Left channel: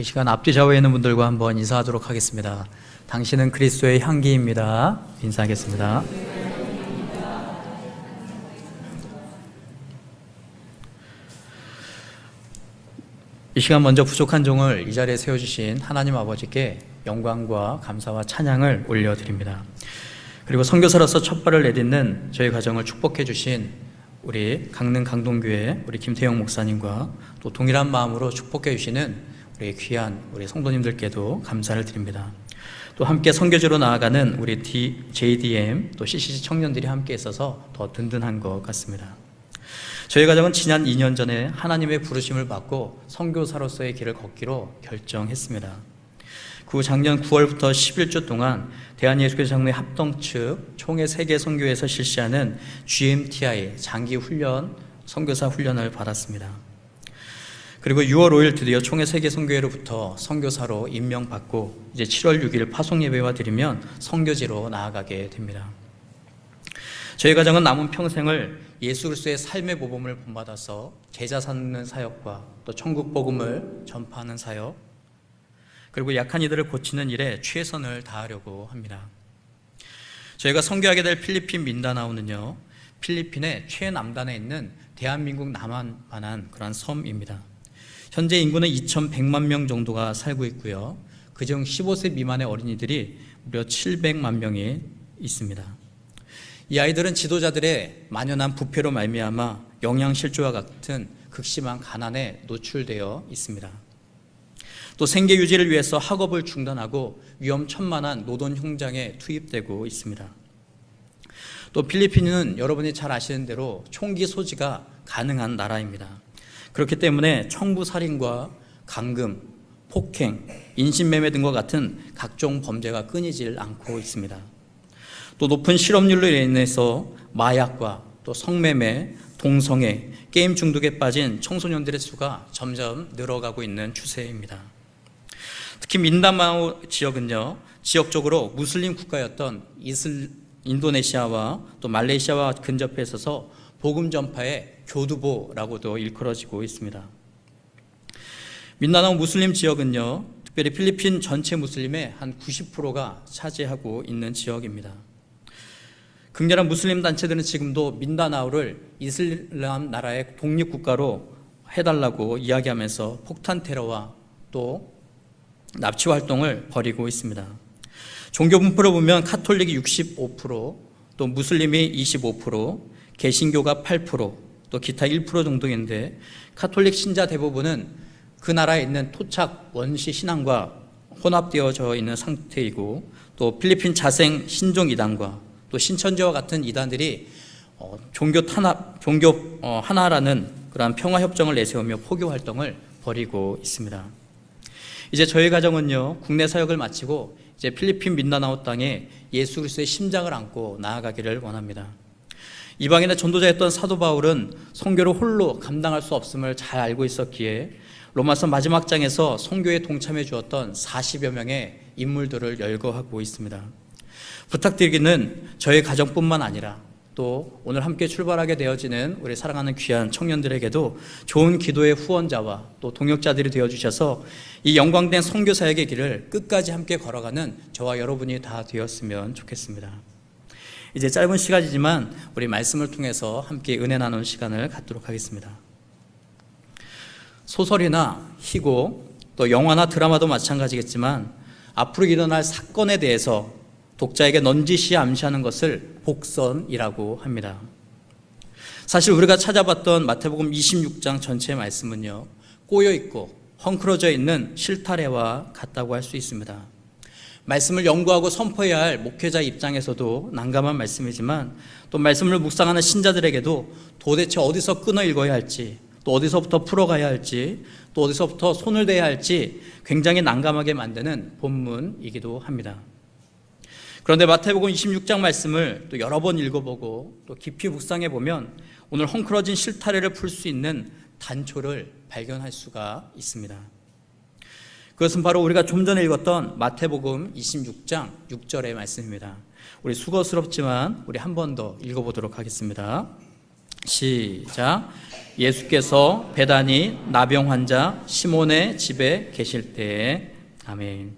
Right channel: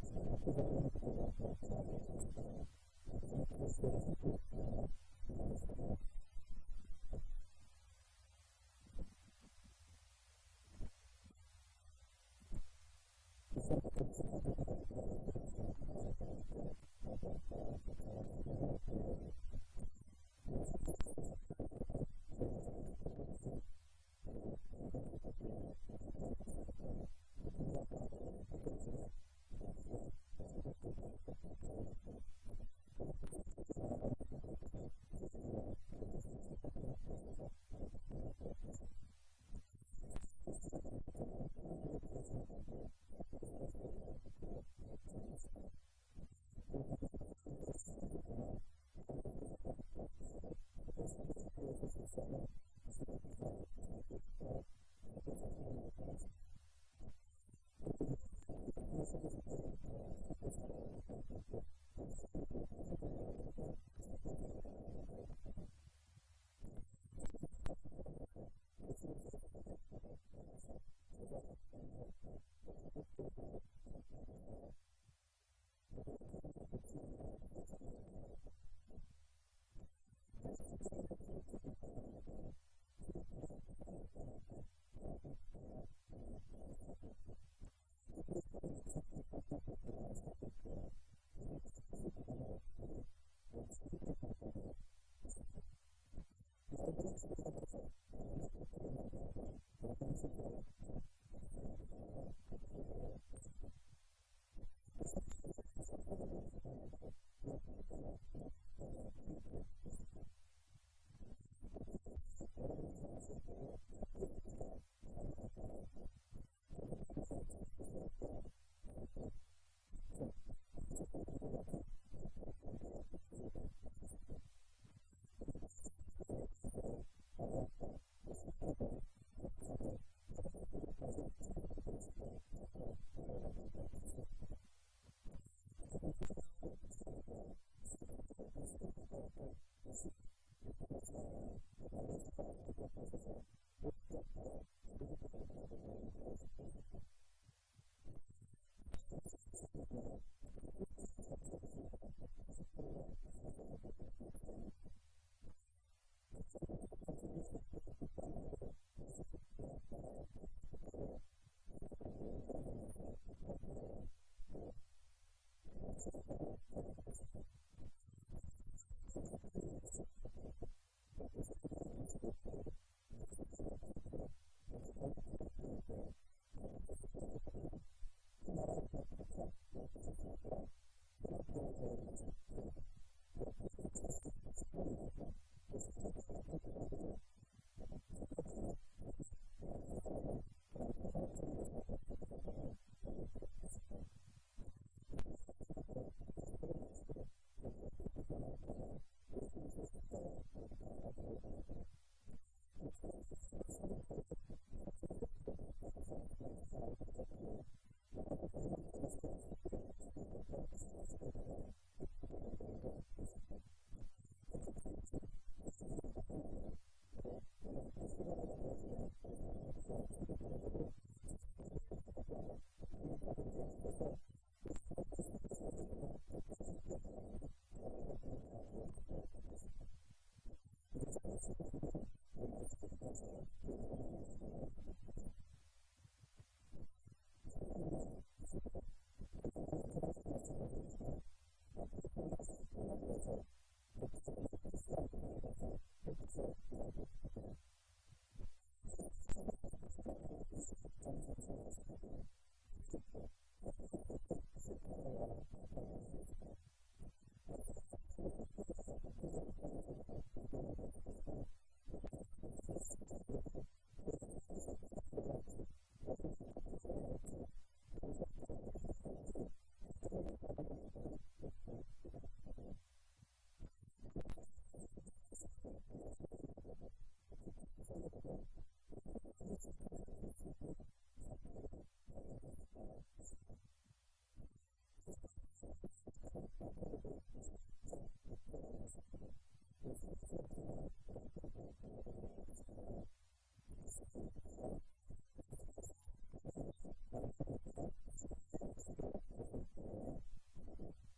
이 시간 앞뒤 좌우에 있는 분들과 한번 인사하도록 하겠습니다. 당신은 그리스도의 향기입니다. 인사하겠습니다. 이 시간 먼저 부족한 종을 이 자리에 세워주신 하나님 아버지께 영광과 감사와 찬양을 올려드립니다. 그리고 선교사로서 첫 발을 내딛는 저희 가정을 축복해 주신 우리 강릉 강동교회 우리 김태영 목사님과 또 동일한 마음으로 축복해 주시는 우리 귀한 우리 성도님들께도 감사를 드립니다. 또 함께 선교지로 나아가는 우리 JDM 또 CCC 청년들이 함께 있어서 더 든든한 것 같습니다. 저희 가정은 지난 2년 전에 하나님의 부르심을 받고 선교사로서의 길을 걷기로 결정했습니다. 그 후 작년 9월부터 11주 동안 대한예수교회 장로회 합동 측 총회 세계 선교회에서 실시하는 GMTI 장기 훈련, 선교사 훈련을 받았습니다. 그리고 6월 5일 드디어 총회 세계 선교회로부터 선교사로 임명받고 이제 7월 6일 파송 예배와 드리면 선교지로 나아가게 됩니다. 저희 가정은 남은 평생을 예수 그리스도의 삶의 모범을 본받아서 제자 삼는 사역과 또 천국 복음을 전파하는 사역, 그리고 약한 이들을 고치는 일에 최선을 다하려고 합니다. 저희가 선교하게 될 필리핀 민다나오는요, 필리핀의 최남단에 있는 대한민국 남한만한 그런 섬입니다. 현재 인구는 2,100만 명 정도가 살고 있고요, 그중 15세 미만의 어린이들이 무려 700만 명이 있습니다. 이 아이들은 지도자들의 만연한 부패로 말미암아 영양실조와 같은 극심한 가난에 노출되어 있습니다. 또 생계 유지를 위해서 학업을 중단하고 위험천만한 노동 현장에 투입되고 있습니다. 또 필리핀은 여러분이 잘 아시는 대로 총기 소지가 가능한 나라입니다. 그렇기 때문에 청부살인과 강금, 폭행, 인신매매 등과 같은 각종 범죄가 끊이질 않고 있습니다. 또 높은 실업률로 인해서 마약과 또 성매매, 동성애, 게임 중독에 빠진 청소년들의 수가 점점 늘어가고 있는 추세입니다. 특히 민다나오 지역은요, 지역적으로 무슬림 국가였던 인도네시아와 또 말레이시아와 근접해 있어서 복음 전파의 교두보라고도 일컬어지고 있습니다. 민다나오 무슬림 지역은요, 특별히 필리핀 전체 무슬림의 한 90%가 차지하고 있는 지역입니다. 극렬한 무슬림 단체들은 지금도 민다나오를 이슬람 나라의 독립국가로 해달라고 이야기하면서 폭탄 테러와 또 납치 활동을 벌이고 있습니다. 종교 분포를 보면 카톨릭이 65%, 또 무슬림이 25%, 개신교가 8%, 또 기타 1% 정도인데 카톨릭 신자 대부분은 그 나라에 있는 토착 원시 신앙과 혼합되어져 있는 상태이고, 또 필리핀 자생 신종 이단과 또 신천지와 같은 이단들이 종교 하나라는 그러한 평화 협정을 내세우며 포교 활동을 벌이고 있습니다. 이제 저희 가정은요, 국내 사역을 마치고 이제 필리핀 민다나오 땅에 예수 그리스도의 심장을 안고 나아가기를 원합니다. 이방인의 전도자였던 사도 바울은 선교를 홀로 감당할 수 없음을 잘 알고 있었기에 로마서 마지막 장에서 선교에 동참해 주었던 40여 명의 인물들을 열거하고 있습니다. 부탁드리기는 저희 가정뿐만 아니라 또 오늘 함께 출발하게 되어지는 우리 사랑하는 귀한 청년들에게도 좋은 기도의 후원자와 또 동역자들이 되어주셔서 이 영광된 선교 사역의 길을 끝까지 함께 걸어가는 저와 여러분이 다 되었으면 좋겠습니다. 이제 짧은 시간이지만 우리 말씀을 통해서 함께 은혜 나누는 시간을 갖도록 하겠습니다. 소설이나 희곡, 또 영화나 드라마도 마찬가지겠지만 앞으로 일어날 사건에 대해서 독자에게 넌지시 암시하는 것을 복선이라고 합니다. 사실 우리가 찾아봤던 마태복음 26장 전체의 말씀은요, 꼬여있고 헝클어져 있는 실타래와 같다고 할 수 있습니다. 말씀을 연구하고 선포해야 할 목회자 입장에서도 난감한 말씀이지만 또 말씀을 묵상하는 신자들에게도 도대체 어디서 끊어 읽어야 할지, 또 어디서부터 풀어가야 할지, 또 어디서부터 손을 대야 할지 굉장히 난감하게 만드는 본문이기도 합니다. 그런데 마태복음 26장 말씀을 또 여러 번 읽어보고 또 깊이 묵상해 보면 오늘 헝클어진 실타래를 풀 수 있는 단초를 발견할 수가 있습니다. 그것은 바로 우리가 좀 전에 읽었던 마태복음 26장 6절의 말씀입니다. 우리 수고스럽지만 우리 한 번 더 읽어보도록 하겠습니다. 시작. 예수께서 베다니 나병 환자 시몬의 집에 계실 때에. 아멘.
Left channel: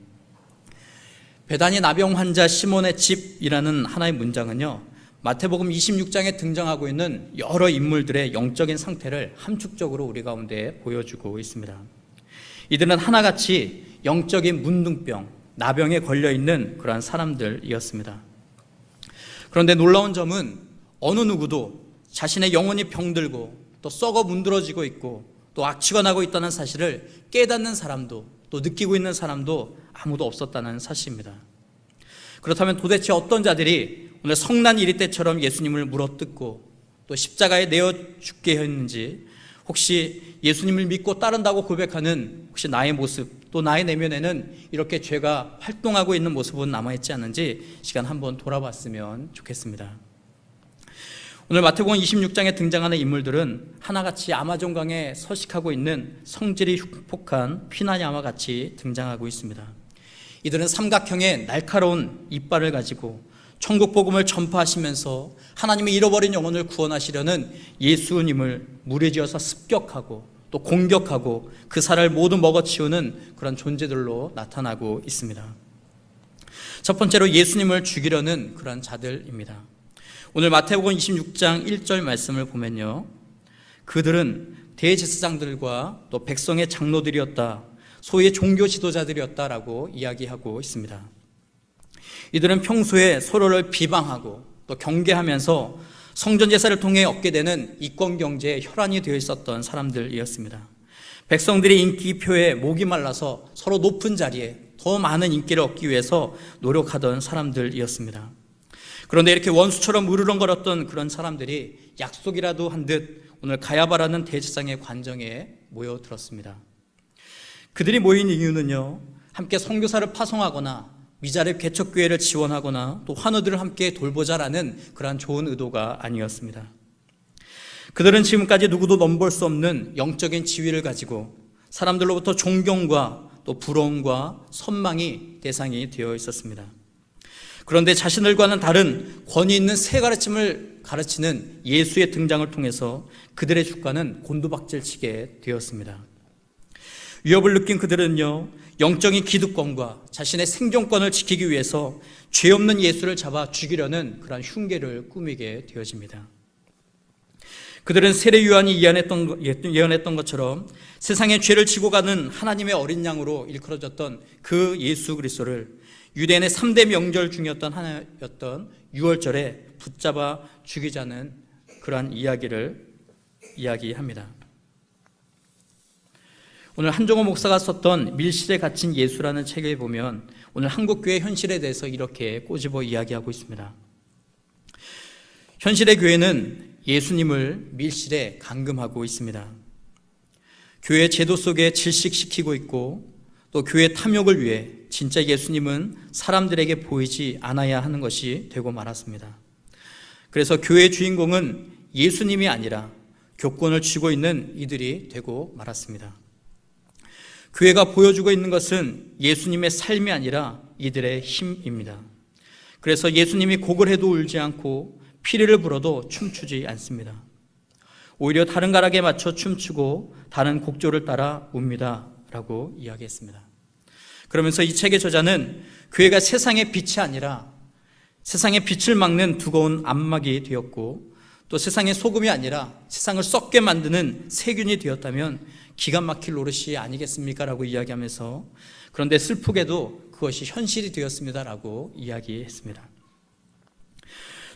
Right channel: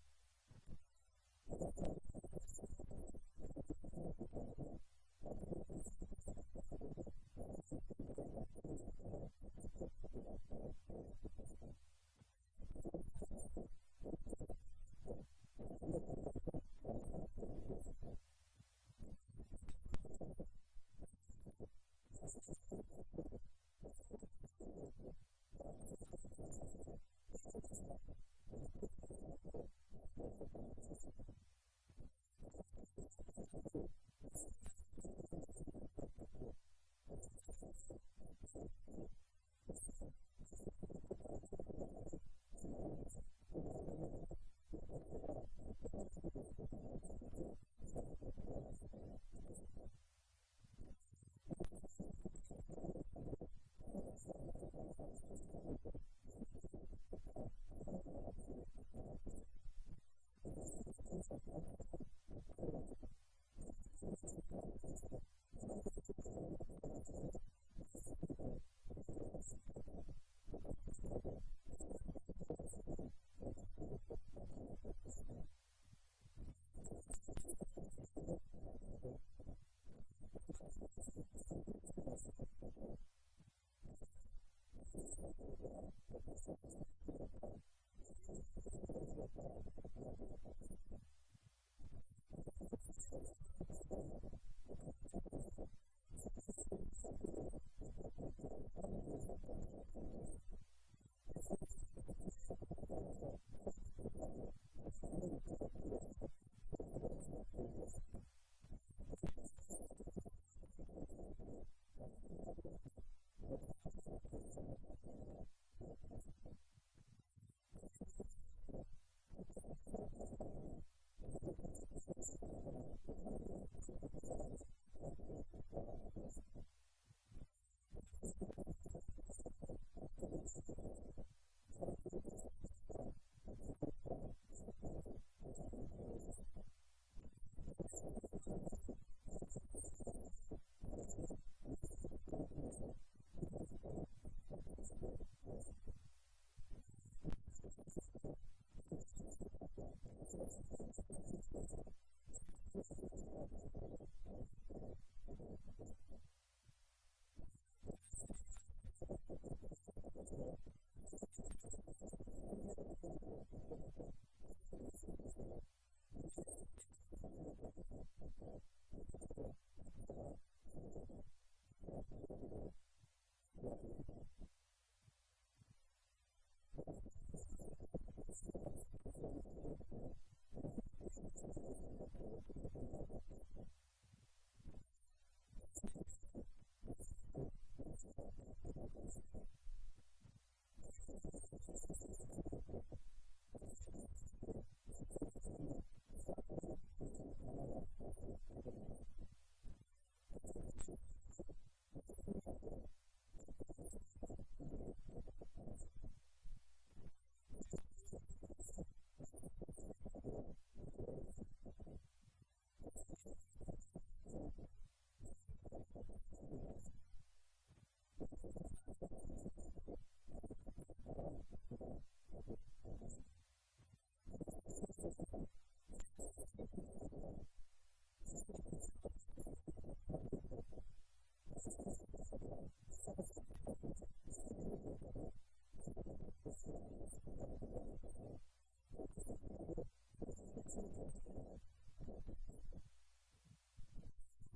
베다니 나병 환자 시몬의 집이라는 하나의 문장은요, 마태복음 26장에 등장하고 있는 여러 인물들의 영적인 상태를 함축적으로 우리 가운데 보여주고 있습니다. 이들은 하나같이 영적인 문둥병, 나병에 걸려있는 그러한 사람들이었습니다. 그런데 놀라운 점은 어느 누구도 자신의 영혼이 병들고 또 썩어 문드러지고 있고 또 악취가 나고 있다는 사실을 깨닫는 사람도 또 느끼고 있는 사람도 아무도 없었다는 사실입니다. 그렇다면 도대체 어떤 자들이 오늘 성난 이리 때처럼 예수님을 물어뜯고 또 십자가에 내어 죽게 했는지, 혹시 예수님을 믿고 따른다고 고백하는 혹시 나의 모습, 또 나의 내면에는 이렇게 죄가 활동하고 있는 모습은 남아있지 않는지 시간 한번 돌아봤으면 좋겠습니다. 오늘 마태복음 26장에 등장하는 인물들은 하나같이 아마존강에 서식하고 있는 성질이 흉폭한 피나냐와 같이 등장하고 있습니다. 이들은 삼각형의 날카로운 이빨을 가지고 천국 복음을 전파하시면서 하나님의 잃어버린 영혼을 구원하시려는 예수님을 무리지어서 습격하고 또 공격하고 그 살을 모두 먹어치우는 그런 존재들로 나타나고 있습니다. 첫 번째로 예수님을 죽이려는 그런 자들입니다. 오늘 마태복음 26장 1절 말씀을 보면요, 그들은 대제사장들과 또 백성의 장로들이었다, 소위 종교 지도자들이었다라고 이야기하고 있습니다. 이들은 평소에 서로를 비방하고 또 경계하면서 성전 제사를 통해 얻게 되는 이권 경제의 혈안이 되어 있었던 사람들이었습니다. 백성들이 인기표에 목이 말라서 서로 높은 자리에 더 많은 인기를 얻기 위해서 노력하던 사람들이었습니다. 그런데 이렇게 원수처럼 으르렁거렸던 그런 사람들이 약속이라도 한 듯 오늘 가야바라는 대제사장의 관정에 모여들었습니다. 그들이 모인 이유는요, 함께 선교사를 파송하거나 미자립 개척교회를 지원하거나 또 환우들을 함께 돌보자라는 그러한 좋은 의도가 아니었습니다. 그들은 지금까지 누구도 넘볼 수 없는 영적인 지위를 가지고 사람들로부터 존경과 또 부러움과 선망이 대상이 되어 있었습니다. 그런데 자신들과는 다른 권위 있는 새 가르침을 가르치는 예수의 등장을 통해서 그들의 주가는 곤두박질치게 되었습니다. 위협을 느낀 그들은요, 영적인 기득권과 자신의 생존권을 지키기 위해서 죄 없는 예수를 잡아 죽이려는 그런 흉계를 꾸미게 되어집니다. 그들은 세례 요한이 예언했던 것처럼 세상의 죄를 지고 가는 하나님의 어린 양으로 일컬어졌던 그 예수 그리스도를 유대인의 3대 명절 중이었던 하나였던 유월절에 붙잡아 죽이자는 그러한 이야기를 이야기합니다. 오늘 한종호 목사가 썼던 밀실에 갇힌 예수라는 책에 보면 오늘 한국교회 현실에 대해서 이렇게 꼬집어 이야기하고 있습니다. 현실의 교회는 예수님을 밀실에 감금하고 있습니다. 교회 제도 속에 질식시키고 있고 또 교회 탐욕을 위해 진짜 예수님은 사람들에게 보이지 않아야 하는 것이 되고 말았습니다. 그래서 교회의 주인공은 예수님이 아니라 교권을 쥐고 있는 이들이 되고 말았습니다. 교회가 보여주고 있는 것은 예수님의 삶이 아니라 이들의 힘입니다. 그래서 예수님이 곡을 해도 울지 않고 피리를 불어도 춤추지 않습니다. 오히려 다른 가락에 맞춰 춤추고 다른 곡조를 따라 웁니다 라고 이야기했습니다. 그러면서 이 책의 저자는 교회가 세상의 빛이 아니라 세상의 빛을 막는 두꺼운 암막이 되었고 또 세상의 소금이 아니라 세상을 썩게 만드는 세균이 되었다면 기가 막힐 노릇이 아니겠습니까? 라고 이야기하면서, 그런데 슬프게도 그것이 현실이 되었습니다 라고 이야기했습니다.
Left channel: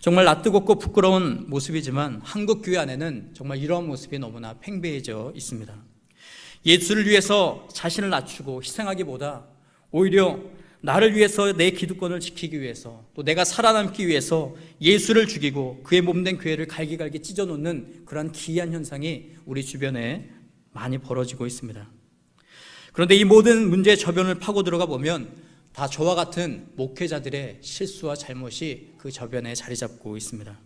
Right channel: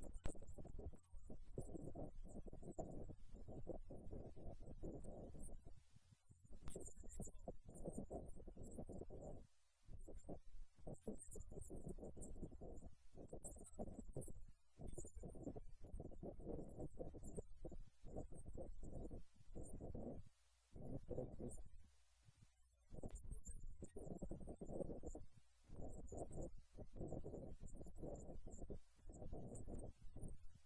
정말 낯뜨겁고 부끄러운 모습이지만 한국 교회 안에는 정말 이런 모습이 너무나 팽배해져 있습니다. 예수를 위해서 자신을 낮추고 희생하기보다 오히려 나를 위해서 내 기득권을 지키기 위해서 또 내가 살아남기 위해서 예수를 죽이고 그의 몸된 교회를 갈기갈기 찢어놓는 그런 기이한 현상이 우리 주변에 많이 벌어지고 있습니다. 그런데 이 모든 문제의 저변을 파고 들어가 보면 다 저와 같은 목회자들의 실수와 잘못이 그 저변에 자리 잡고 있습니다.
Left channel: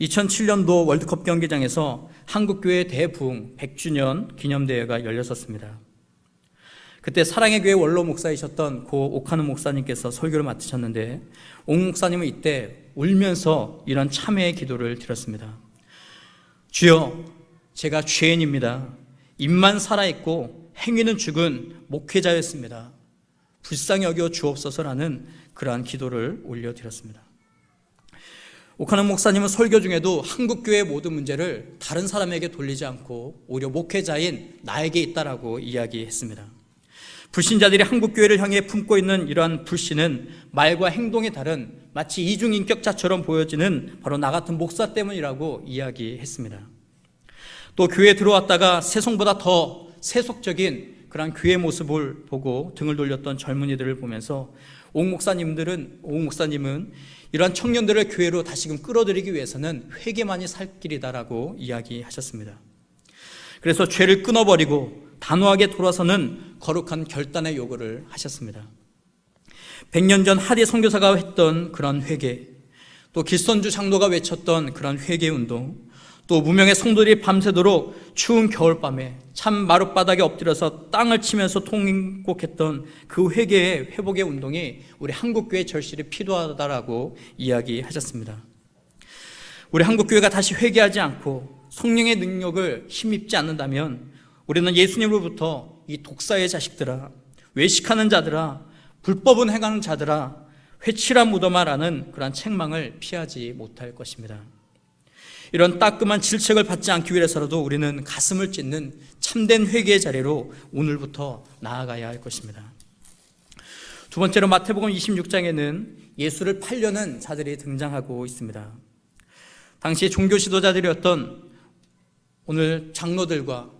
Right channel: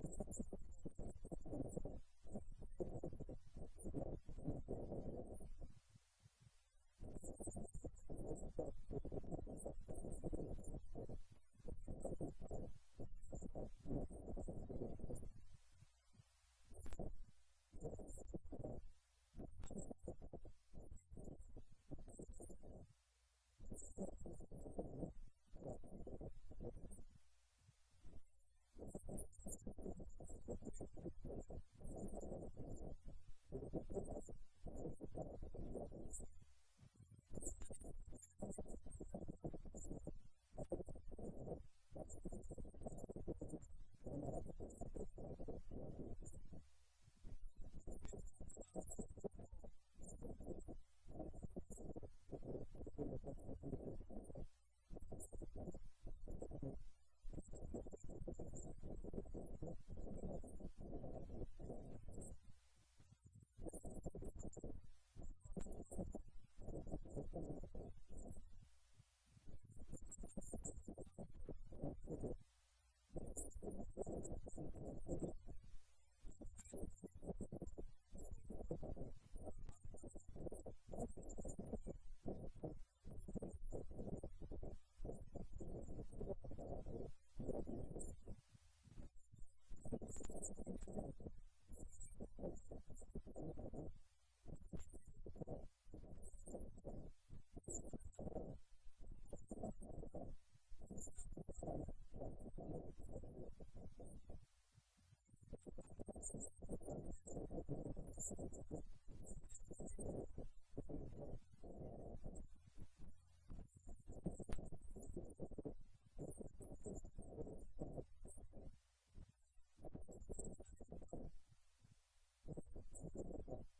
2007년도 월드컵 경기장에서 한국교회 대부흥 100주년 기념대회가 열렸었습니다. 그때 사랑의 교회 원로 목사이셨던 고 오카노 목사님께서 설교를 맡으셨는데 옥 목사님은 이때 울면서 이런 참회의 기도를 드렸습니다. 주여, 제가 죄인입니다. 입만 살아있고 행위는 죽은 목회자였습니다. 불쌍히 여겨 주옵소서라는 그러한 기도를 올려드렸습니다. 오카노 목사님은 설교 중에도 한국교회의 모든 문제를 다른 사람에게 돌리지 않고 오히려 목회자인 나에게 있다라고 이야기했습니다. 불신자들이 한국교회를 향해 품고 있는 이러한 불신은 말과 행동이 다른 마치 이중인격자처럼 보여지는 바로 나 같은 목사 때문이라고 이야기했습니다. 또 교회에 들어왔다가 세속보다 더 세속적인 그런 교회 모습을 보고 등을 돌렸던 젊은이들을 보면서 옥 목사님은 이러한 청년들을 교회로 다시금 끌어들이기 위해서는 회개만이 살 길이다라고 이야기하셨습니다. 그래서 죄를 끊어버리고 단호하게 돌아서는 거룩한 결단의 요구를 하셨습니다. 100년 전 하디 선교사가 했던 그런 회개, 또 길선주 장로가 외쳤던 그런 회개운동, 또 무명의 성도들이 밤새도록 추운 겨울밤에 참 마룻바닥에 엎드려서 땅을 치면서 통곡했던 그 회개의 회복의 운동이 우리 한국교회 절실히 필요하다라고 이야기하셨습니다. 우리 한국교회가 다시 회개하지 않고 성령의 능력을 힘입지 않는다면 우리는 예수님으로부터 이 독사의 자식들아, 외식하는 자들아, 불법은 행하는 자들아, 회칠한 무덤아라는 그런 책망을 피하지 못할 것입니다. 이런 따끔한 질책을 받지 않기 위해서라도 우리는 가슴을 찢는 참된 회개의 자리로 오늘부터 나아가야 할 것입니다. 두 번째로 마태복음 26장에는 예수를 팔려는 자들이 등장하고 있습니다. 당시 종교 지도자들이었던 오늘 장로들과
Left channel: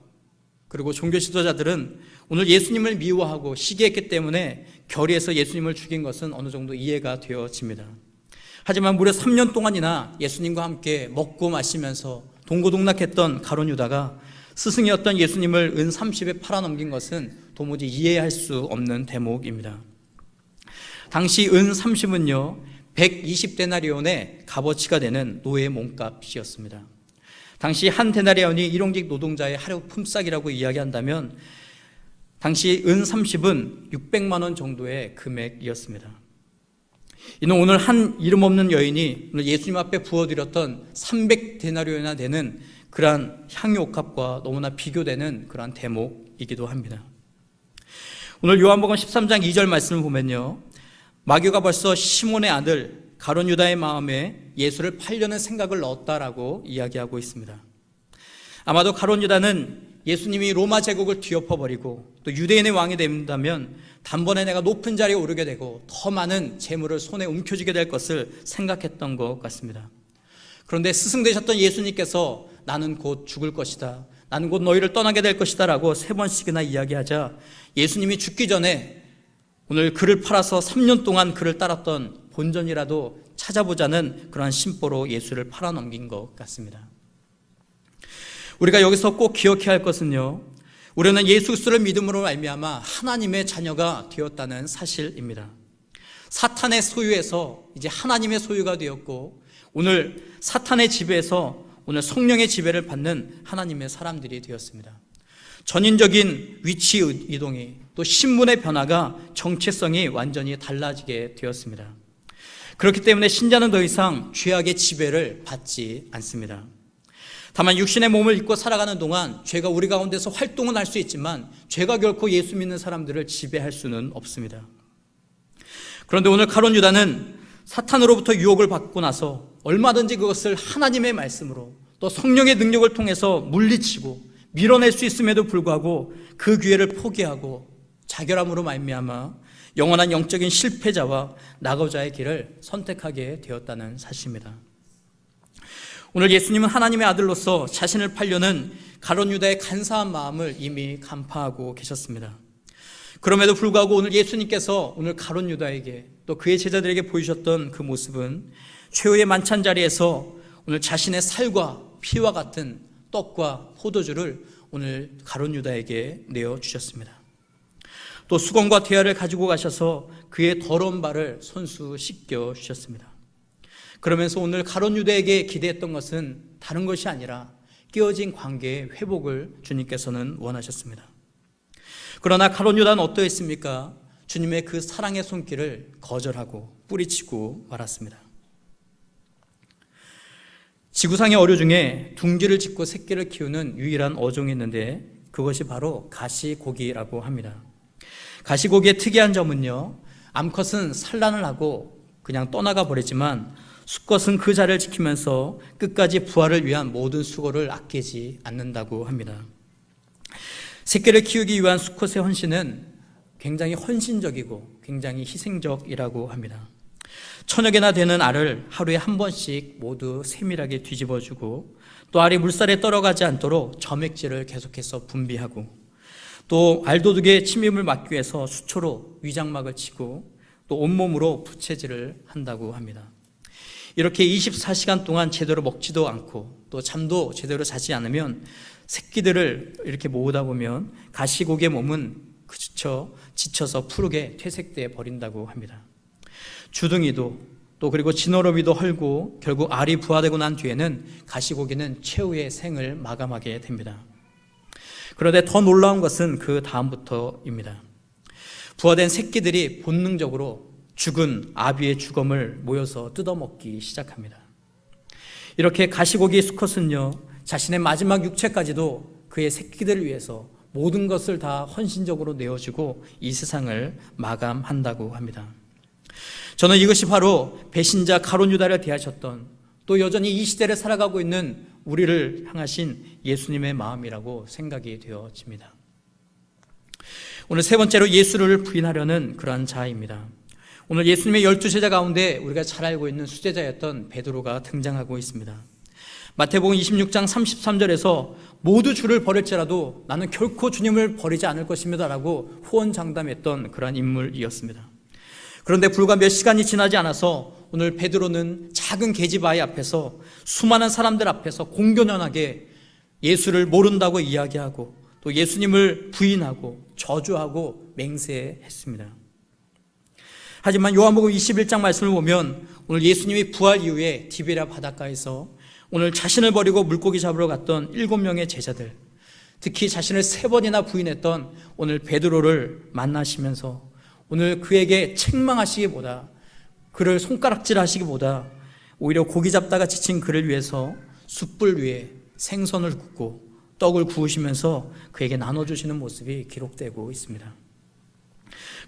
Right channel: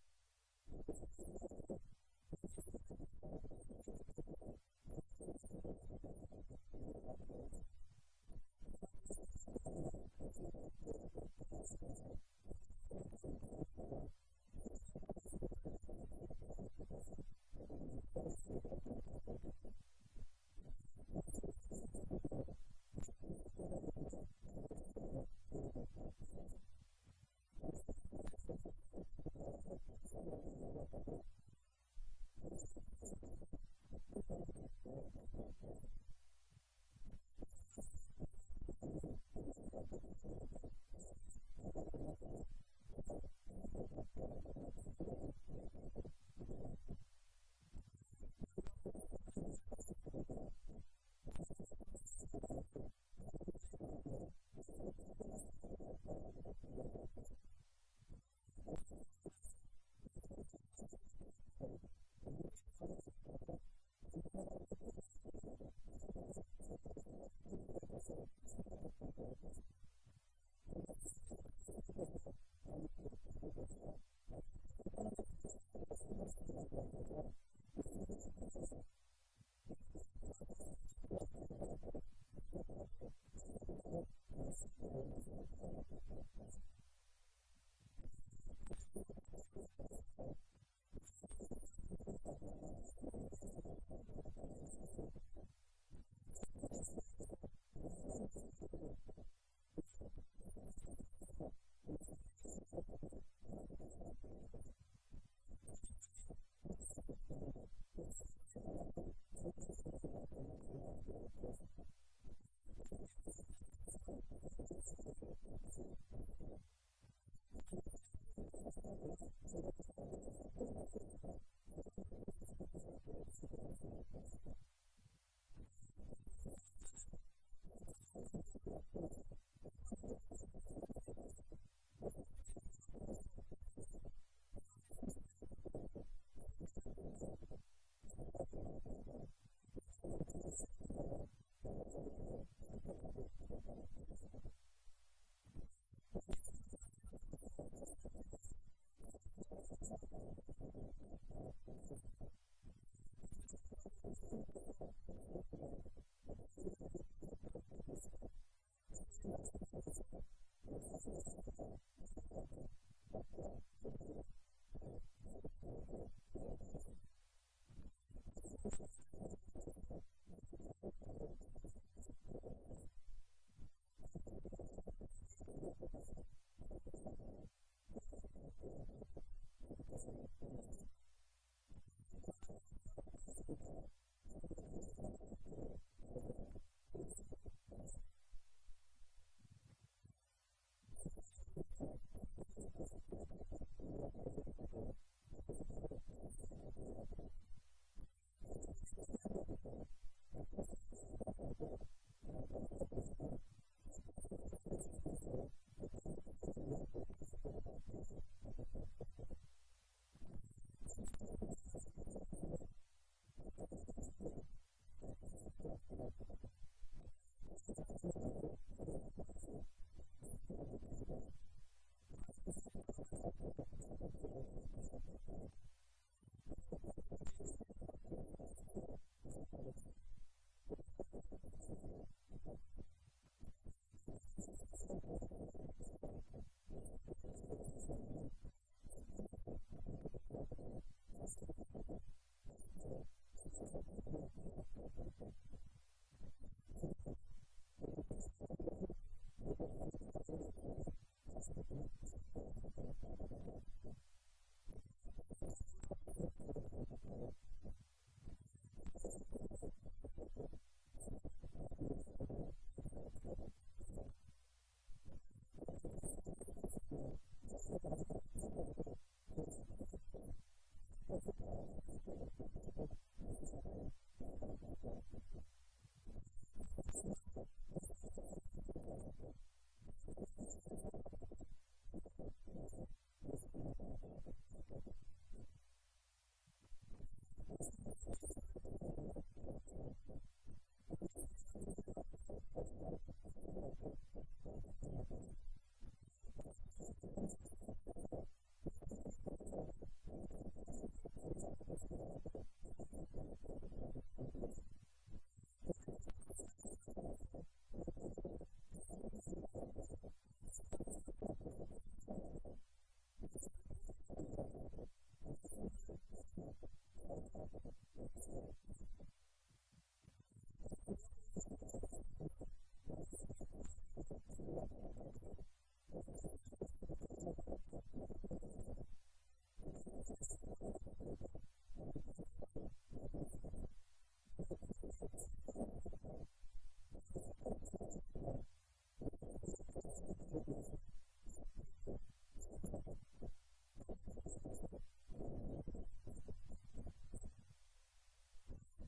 그리고 종교 지도자들은 오늘 예수님을 미워하고 시기했기 때문에 결의해서 예수님을 죽인 것은 어느 정도 이해가 되어집니다. 하지만 무려 3년 동안이나 예수님과 함께 먹고 마시면서 동고동락했던 가룟 유다가 스승이었던 예수님을 은 30에 팔아넘긴 것은 도무지 이해할 수 없는 대목입니다. 당시 은 30은요 120데나리온의 값어치가 되는 노예 몸값이었습니다. 당시 한 데나리온이 일용직 노동자의 하루 품삯이라고 이야기한다면 당시 은 30은 600만 원 정도의 금액이었습니다. 이는 오늘 한 이름 없는 여인이 오늘 예수님 앞에 부어드렸던 300데나리온이나 되는 그러한 향유옥합과 너무나 비교되는 그러한 대목이기도 합니다. 오늘 요한복음 13장 2절 말씀을 보면요, 마귀가 벌써 시몬의 아들 가룟 유다의 마음에 예수를 팔려는 생각을 넣었다라고 이야기하고 있습니다. 아마도 가룟 유다는 예수님이 로마 제국을 뒤엎어버리고 또 유대인의 왕이 된다면 단번에 내가 높은 자리에 오르게 되고 더 많은 재물을 손에 움켜쥐게 될 것을 생각했던 것 같습니다. 그런데 스승 되셨던 예수님께서 나는 곧 죽을 것이다, 나는 곧 너희를 떠나게 될 것이다 라고 3번씩이나 이야기하자 예수님이 죽기 전에 오늘 그를 팔아서 3년 동안 그를 따랐던 본전이라도 찾아보자는 그러한 심보로 예수를 팔아넘긴 것 같습니다. 우리가 여기서 꼭 기억해야 할 것은요, 우리는 예수 그리스도를 믿음으로 말미암아 하나님의 자녀가 되었다는 사실입니다. 사탄의 소유에서 이제 하나님의 소유가 되었고 오늘 사탄의 지배에서 오늘 성령의 지배를 받는 하나님의 사람들이 되었습니다. 전인적인 위치 이동이 또 신분의 변화가 정체성이 완전히 달라지게 되었습니다. 그렇기 때문에 신자는 더 이상 죄악의 지배를 받지 않습니다. 다만 육신의 몸을 입고 살아가는 동안 죄가 우리 가운데서 활동은 할 수 있지만 죄가 결코 예수 믿는 사람들을 지배할 수는 없습니다. 그런데 오늘 가룟 유다는 사탄으로부터 유혹을 받고 나서 얼마든지 그것을 하나님의 말씀으로 또 성령의 능력을 통해서 물리치고 밀어낼 수 있음에도 불구하고 그 기회를 포기하고 자결함으로 말미암아 영원한 영적인 실패자와 낙오자의 길을 선택하게 되었다는 사실입니다. 오늘 예수님은 하나님의 아들로서 자신을 팔려는 가룟 유다의 간사한 마음을 이미 간파하고 계셨습니다. 그럼에도 불구하고 오늘 예수님께서 오늘 가룟 유다에게 또 그의 제자들에게 보여주셨던 그 모습은 최후의 만찬 자리에서 오늘 자신의 살과 피와 같은 떡과 포도주를 오늘 가룟 유다에게 내어주셨습니다. 또 수건과 대야를 가지고 가셔서 그의 더러운 발을 손수 씻겨 주셨습니다. 그러면서 오늘 가룟 유다에게 기대했던 것은 다른 것이 아니라 깨어진 관계의 회복을 주님께서는 원하셨습니다. 그러나 가룟 유다는 어떠했습니까? 주님의 그 사랑의 손길을 거절하고 뿌리치고 말았습니다. 지구상의 어류 중에 둥지를 짓고 새끼를 키우는 유일한 어종이 있는데 그것이 바로 가시고기라고 합니다. 가시고기의 특이한 점은요, 암컷은 산란을 하고 그냥 떠나가 버리지만 수컷은 그 자리를 지키면서 끝까지 부활을 위한 모든 수고를 아끼지 않는다고 합니다. 새끼를 키우기 위한 수컷의 헌신은 굉장히 헌신적이고 굉장히 희생적이라고 합니다. 1000여 개나 되는 알을 하루에 한 번씩 모두 세밀하게 뒤집어주고, 또 알이 물살에 떨어가지 않도록 점액질을 계속해서 분비하고, 또 알도둑의 침입을 막기 위해서 수초로 위장막을 치고, 또 온몸으로 부채질을 한다고 합니다. 이렇게 24시간 동안 제대로 먹지도 않고 또 잠도 제대로 자지 않으면 새끼들을 이렇게 모으다 보면 가시고기의 몸은 지쳐서 푸르게 퇴색돼 버린다고 합니다. 주둥이도 또 그리고 지느러미도 헐고 결국 알이 부화되고 난 뒤에는 가시고기는 최후의 생을 마감하게 됩니다. 그런데 더 놀라운 것은 그 다음부터입니다. 부화된 새끼들이 본능적으로 죽은 아비의 주검을 모여서 뜯어먹기 시작합니다. 이렇게 가시고기 수컷은요, 자신의 마지막 육체까지도 그의 새끼들을 위해서 모든 것을 다 헌신적으로 내어주고 이 세상을 마감한다고 합니다. 저는 이것이 바로 배신자 가룟 유다를 대하셨던, 또 여전히 이 시대를 살아가고 있는 우리를 향하신 예수님의 마음이라고 생각이 되어집니다. 오늘 세 번째로 예수를 부인하려는 그러한 자입니다. 오늘 예수님의 12제자 가운데 우리가 잘 알고 있는 수제자였던 베드로가 등장하고 있습니다. 마태복음 26장 33절에서 모두 주를 버릴지라도 나는 결코 주님을 버리지 않을 것입니다 라고 호언장담했던 그러한 인물이었습니다. 그런데 불과 몇 시간이 지나지 않아서 오늘 베드로는 작은 계집아이 앞에서 수많은 사람들 앞에서 공견연하게 예수를 모른다고 이야기하고 또 예수님을 부인하고 저주하고 맹세했습니다. 하지만 요한복음 21장 말씀을 보면 오늘 예수님이 부활 이후에 디베랴 바닷가에서 오늘 자신을 버리고 물고기 잡으러 갔던 7명의 제자들, 특히 자신을 3번이나 부인했던 오늘 베드로를 만나시면서 오늘 그에게 책망하시기보다, 그를 손가락질하시기보다 오히려 고기 잡다가 지친 그를 위해서 숯불 위에 생선을 굽고 떡을 구우시면서 그에게 나눠주시는 모습이 기록되고 있습니다.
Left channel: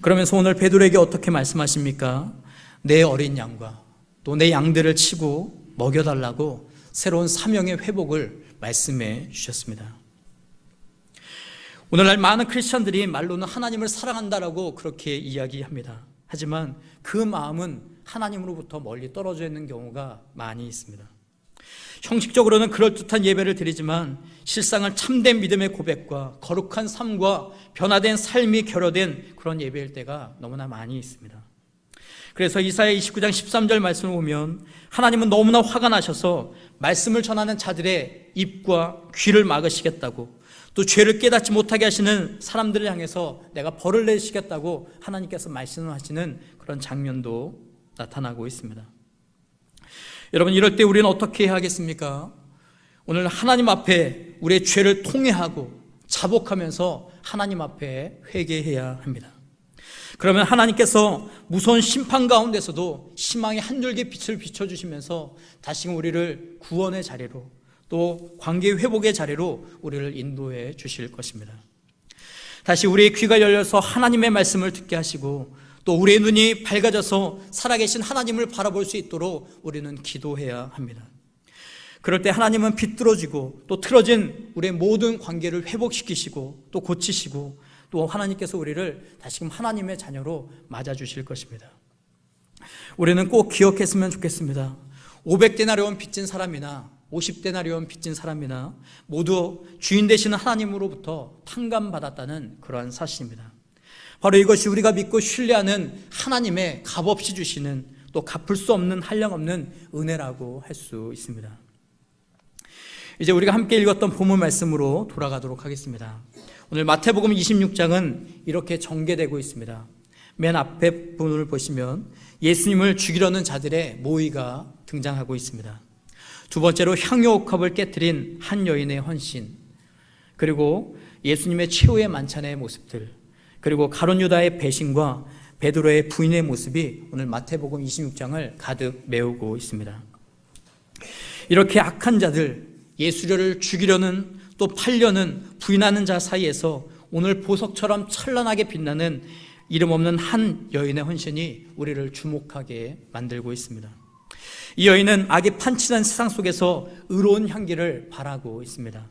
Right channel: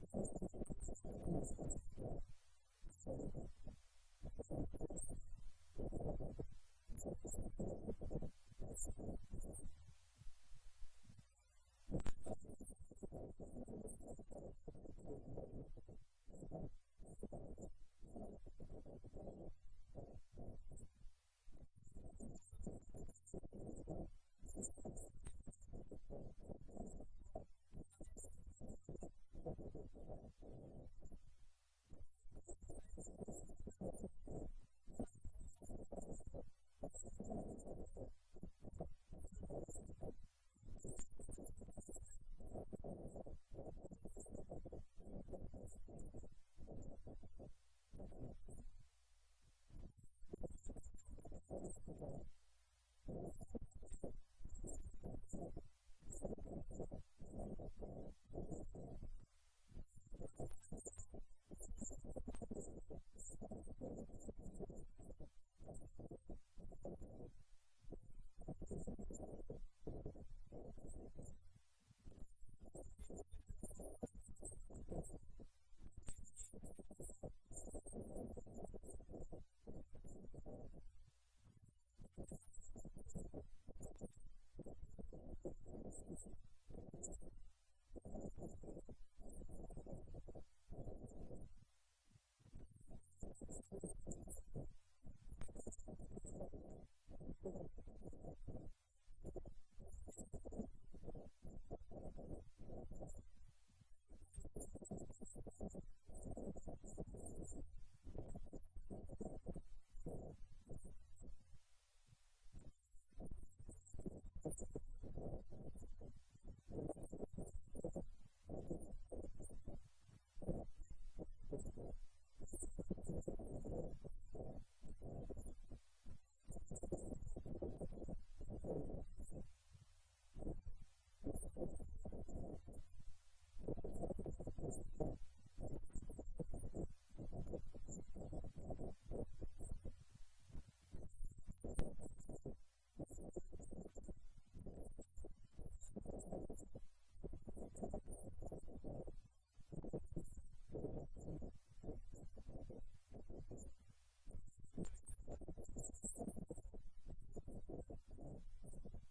그러면서 오늘 베드로에게 어떻게 말씀하십니까? 내 어린 양과 또 내 양들을 치고 먹여달라고 새로운 사명의 회복을 말씀해 주셨습니다. 오늘날 많은 크리스찬들이 말로는 하나님을 사랑한다라고 그렇게 이야기합니다. 하지만 그 마음은 하나님으로부터 멀리 떨어져 있는 경우가 많이 있습니다. 형식적으로는 그럴듯한 예배를 드리지만 실상은 참된 믿음의 고백과 거룩한 삶과 변화된 삶이 결여된 그런 예배일 때가 너무나 많이 있습니다. 그래서 이사야 29장 13절 말씀을 보면 하나님은 너무나 화가 나셔서 말씀을 전하는 자들의 입과 귀를 막으시겠다고, 또 죄를 깨닫지 못하게 하시는 사람들을 향해서 내가 벌을 내시겠다고 하나님께서 말씀하시는 그런 장면도 나타나고 있습니다. 여러분, 이럴 때 우리는 어떻게 해야 하겠습니까? 오늘 하나님 앞에 우리의 죄를 통회하고 자복하면서 하나님 앞에 회개해야 합니다. 그러면 하나님께서 무서운 심판 가운데서도 희망의 한 줄기 빛을 비춰주시면서 다시금 우리를 구원의 자리로 또 관계 회복의 자리로 우리를 인도해 주실 것입니다. 다시 우리의 귀가 열려서 하나님의 말씀을 듣게 하시고 또 우리의 눈이 밝아져서 살아계신 하나님을 바라볼 수 있도록 우리는 기도해야 합니다. 그럴 때 하나님은 비뚤어지고 또 틀어진 우리의 모든 관계를 회복시키시고 또 고치시고 또 하나님께서 우리를 다시금 하나님의 자녀로 맞아주실 것입니다. 우리는 꼭 기억했으면 좋겠습니다. 500데나리온 빚진 사람이나 50데나리온 빚진 사람이나 모두 주인 되시는 하나님으로부터 탕감받았다는 그러한 사실입니다. 바로 이것이 우리가 믿고 신뢰하는 하나님의 값없이 주시는 또 갚을 수 없는 한량없는 은혜라고 할 수 있습니다. 이제 우리가 함께 읽었던 본문 말씀으로 돌아가도록 하겠습니다. 오늘 마태복음 26장은 이렇게 전개되고 있습니다. 맨 앞에 부분을 보시면 예수님을 죽이려는 자들의 모의가 등장하고 있습니다. 두 번째로 향유옥합을 깨뜨린 한 여인의 헌신, 그리고 예수님의 최후의 만찬의 모습들, 그리고 가룟 유다의 배신과 베드로의 부인의 모습이 오늘 마태복음 26장을 가득 메우고 있습니다. 이렇게 악한 자들, 예수를 죽이려는 또 팔려는 부인하는 자 사이에서 오늘 보석처럼 찬란하게 빛나는 이름 없는 한 여인의 헌신이 우리를 주목하게 만들고 있습니다. 이 여인은 악이 판치는 세상 속에서 의로운 향기를 바라고 있습니다.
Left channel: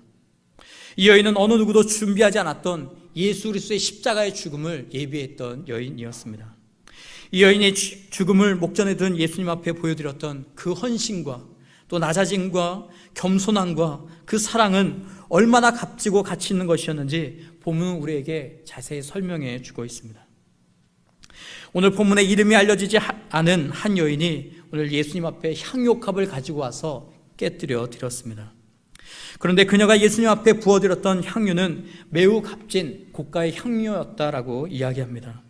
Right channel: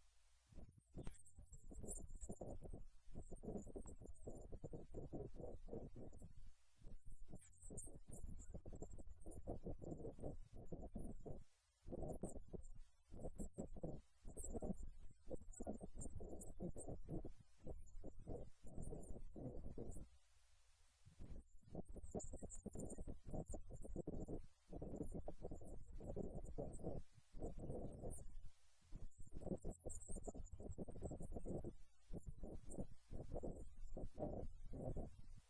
이 여인은 어느 누구도 준비하지 않았던 예수 그리스도의 십자가의 죽음을 예비했던 여인이었습니다. 이 여인의 죽음을 목전에 둔 예수님 앞에 보여드렸던 그 헌신과 또 낮아짐과 겸손함과 그 사랑은 얼마나 값지고 가치 있는 것이었는지 본문은 우리에게 자세히 설명해 주고 있습니다. 오늘 본문에 이름이 알려지지 않은 한 여인이 오늘 예수님 앞에 향유옥합을 가지고 와서 깨뜨려 드렸습니다. 그런데 그녀가 예수님 앞에 부어드렸던 향유는 매우 값진 고가의 향유였다라고 이야기합니다.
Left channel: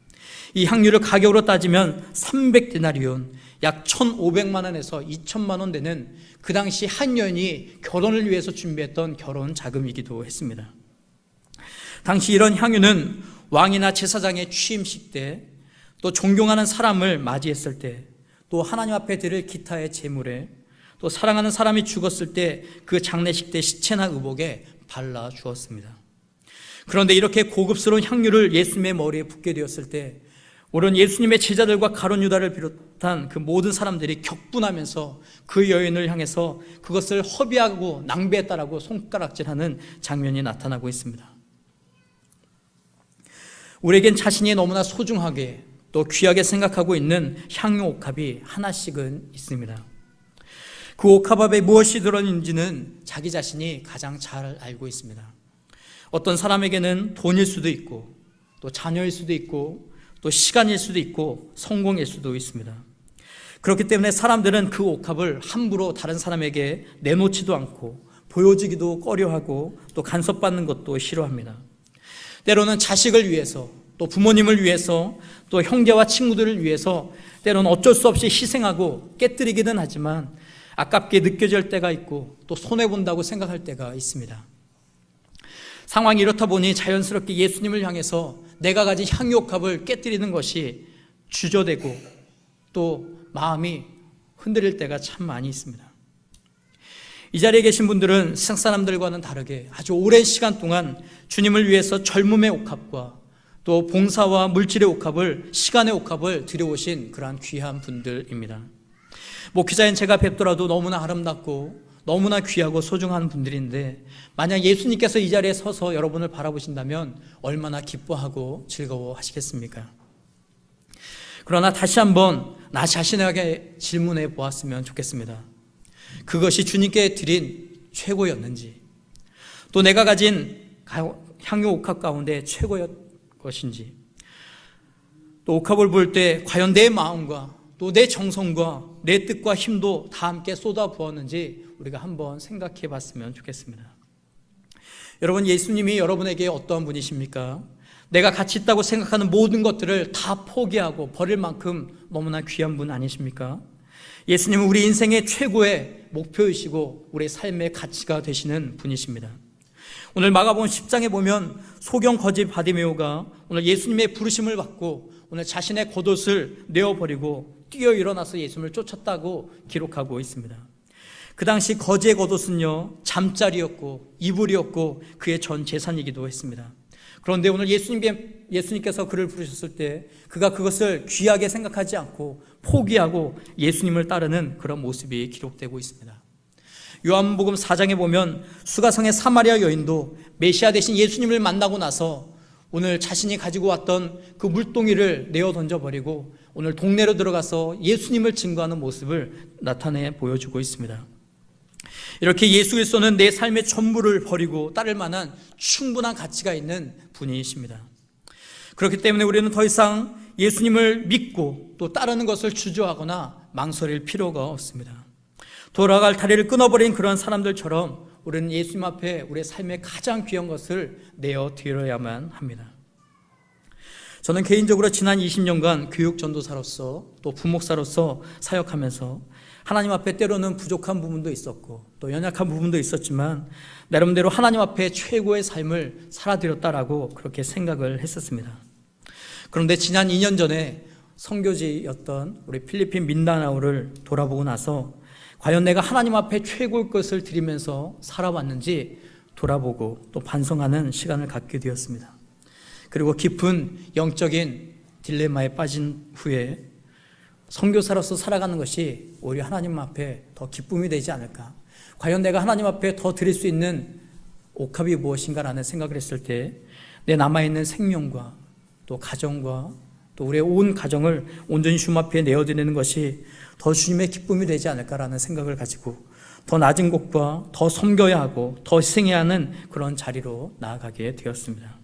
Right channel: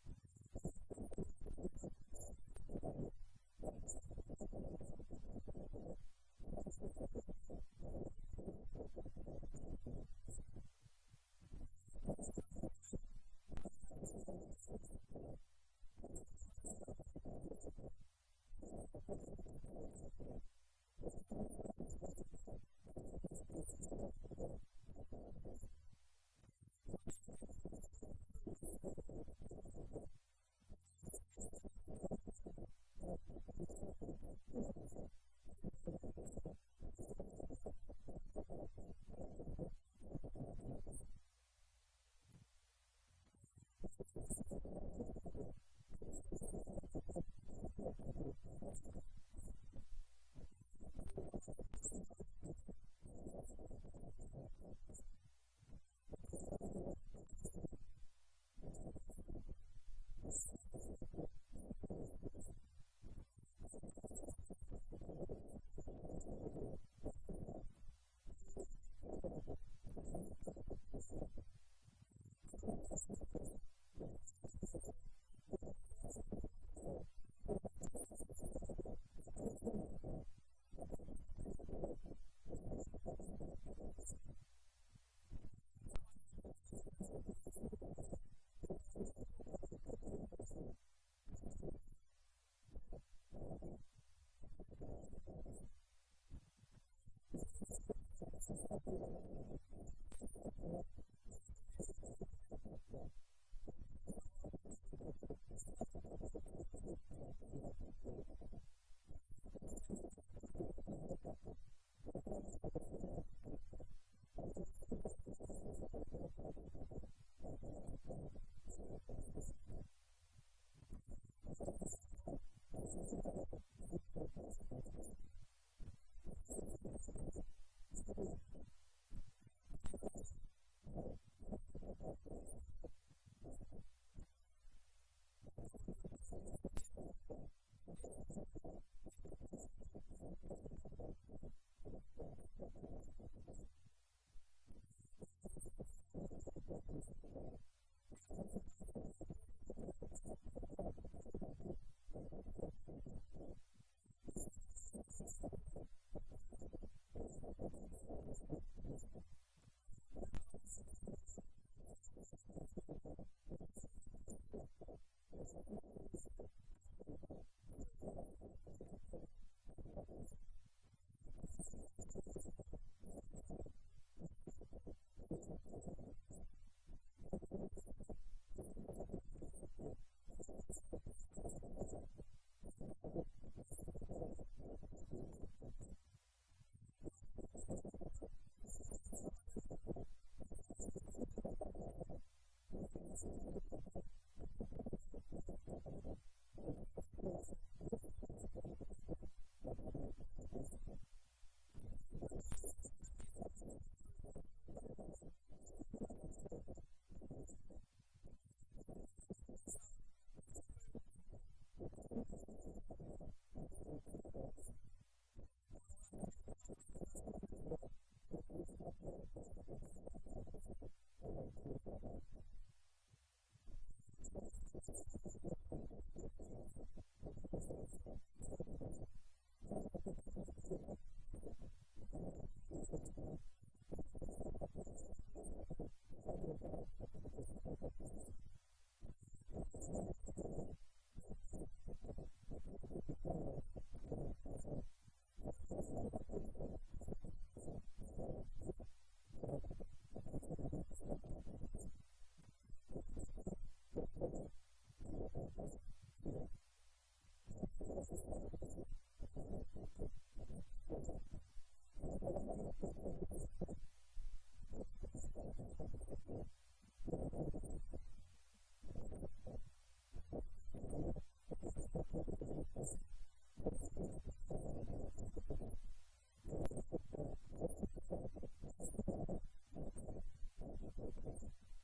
이 향유를 가격으로 따지면 300데나리온, 약 1,500만 원에서 2,000만 원 되는 그 당시 한 여인이 결혼을 위해서 준비했던 결혼 자금이기도 했습니다. 당시 이런 향유는 왕이나 제사장의 취임식 때, 또 존경하는 사람을 맞이했을 때, 또 하나님 앞에 드릴 기타의 제물에, 또 사랑하는 사람이 죽었을 때 그 장례식 때 시체나 의복에 발라 주었습니다. 그런데 이렇게 고급스러운 향유를 예수님의 머리에 붓게 되었을 때 오른 예수님의 제자들과 가룟 유다를 비롯한 그 모든 사람들이 격분하면서 그 여인을 향해서 그것을 허비하고 낭비했다라고 손가락질하는 장면이 나타나고 있습니다. 우리에겐 자신이 너무나 소중하게 또 귀하게 생각하고 있는 향유 옥합이 하나씩은 있습니다. 그 옥합 앞에 무엇이 들어있는지는 자기 자신이 가장 잘 알고 있습니다. 어떤 사람에게는 돈일 수도 있고 또 자녀일 수도 있고 또 시간일 수도 있고 성공일 수도 있습니다. 그렇기 때문에 사람들은 그 옥합을 함부로 다른 사람에게 내놓지도 않고 보여주기도 꺼려하고 또 간섭받는 것도 싫어합니다. 때로는 자식을 위해서 또 부모님을 위해서 또 형제와 친구들을 위해서 때로는 어쩔 수 없이 희생하고 깨뜨리기는 하지만 아깝게 느껴질 때가 있고 또 손해본다고 생각할 때가 있습니다. 상황이 이렇다 보니 자연스럽게 예수님을 향해서 내가 가진 향유옥합을 깨뜨리는 것이 주저되고 또 마음이 흔들릴 때가 참 많이 있습니다. 이 자리에 계신 분들은 세상 사람들과는 다르게 아주 오랜 시간 동안 주님을 위해서 젊음의 옥합과 또 봉사와 물질의 옥합을, 시간의 옥합을 들여오신 그러한 귀한 분들입니다. 목회자인 제가 뵙더라도 너무나 아름답고 너무나 귀하고 소중한 분들인데 만약 예수님께서 이 자리에 서서 여러분을 바라보신다면 얼마나 기뻐하고 즐거워하시겠습니까? 그러나 다시 한번 나 자신에게 질문해 보았으면 좋겠습니다. 그것이 주님께 드린 최고였는지, 또 내가 가진 향유 옥합 가운데 최고였 것인지, 또 옥합을 볼 때 과연 내 마음과 또 내 정성과 내 뜻과 힘도 다 함께 쏟아 부었는지 우리가 한번 생각해 봤으면 좋겠습니다. 여러분, 예수님이 여러분에게 어떠한 분이십니까? 내가 가치 있다고 생각하는 모든 것들을 다 포기하고 버릴 만큼 너무나 귀한 분 아니십니까? 예수님은 우리 인생의 최고의 목표이시고 우리 삶의 가치가 되시는 분이십니다. 오늘 마가복음 10장에 보면 소경 거지 바디메오가 오늘 예수님의 부르심을 받고 오늘 자신의 겉옷을 내어버리고 뛰어 일어나서 예수님을 쫓았다고 기록하고 있습니다. 그 당시 거지의 겉옷은요, 잠자리였고 이불이었고 그의 전 재산이기도 했습니다. 그런데 오늘 예수님께서 그를 부르셨을 때 그가 그것을 귀하게 생각하지 않고 포기하고 예수님을 따르는 그런 모습이 기록되고 있습니다. 요한복음 4장에 보면 수가성의 사마리아 여인도 메시아 대신 예수님을 만나고 나서 오늘 자신이 가지고 왔던 그 물동이를 내어 던져버리고 오늘 동네로 들어가서 예수님을 증거하는 모습을 나타내 보여주고 있습니다. 이렇게 예수 그리스도는 내 삶의 전부를 버리고 따를 만한 충분한 가치가 있는 분이십니다. 그렇기 때문에 우리는 더 이상 예수님을 믿고 또 따르는 것을 주저하거나 망설일 필요가 없습니다. 돌아갈 다리를 끊어버린 그런 사람들처럼 우리는 예수님 앞에 우리의 삶의 가장 귀한 것을 내어 드려야만 합니다. 저는 개인적으로 지난 20년간 교육 전도사로서 또 부목사로서 사역하면서 하나님 앞에 때로는 부족한 부분도 있었고 또 연약한 부분도 있었지만 나름대로 하나님 앞에 최고의 삶을 살아드렸다라고 그렇게 생각을 했었습니다. 그런데 지난 2년 전에 선교지였던 우리 필리핀 민다나오를 돌아보고 나서 과연 내가 하나님 앞에 최고의 것을 드리면서 살아왔는지 돌아보고 또 반성하는 시간을 갖게 되었습니다. 그리고 깊은 영적인 딜레마에 빠진 후에 선교사로서 살아가는 것이 오히려 하나님 앞에 더 기쁨이 되지 않을까, 과연 내가 하나님 앞에 더 드릴 수 있는 옥합이 무엇인가라는 생각을 했을 때 내 남아있는 생명과 또 가정과 또 우리의 온 가정을 온전히 주님 앞에 내어드리는 것이 더 주님의 기쁨이 되지 않을까라는 생각을 가지고 더 낮은 곳과 더 섬겨야 하고 더 희생해야 하는 그런 자리로 나아가게 되었습니다.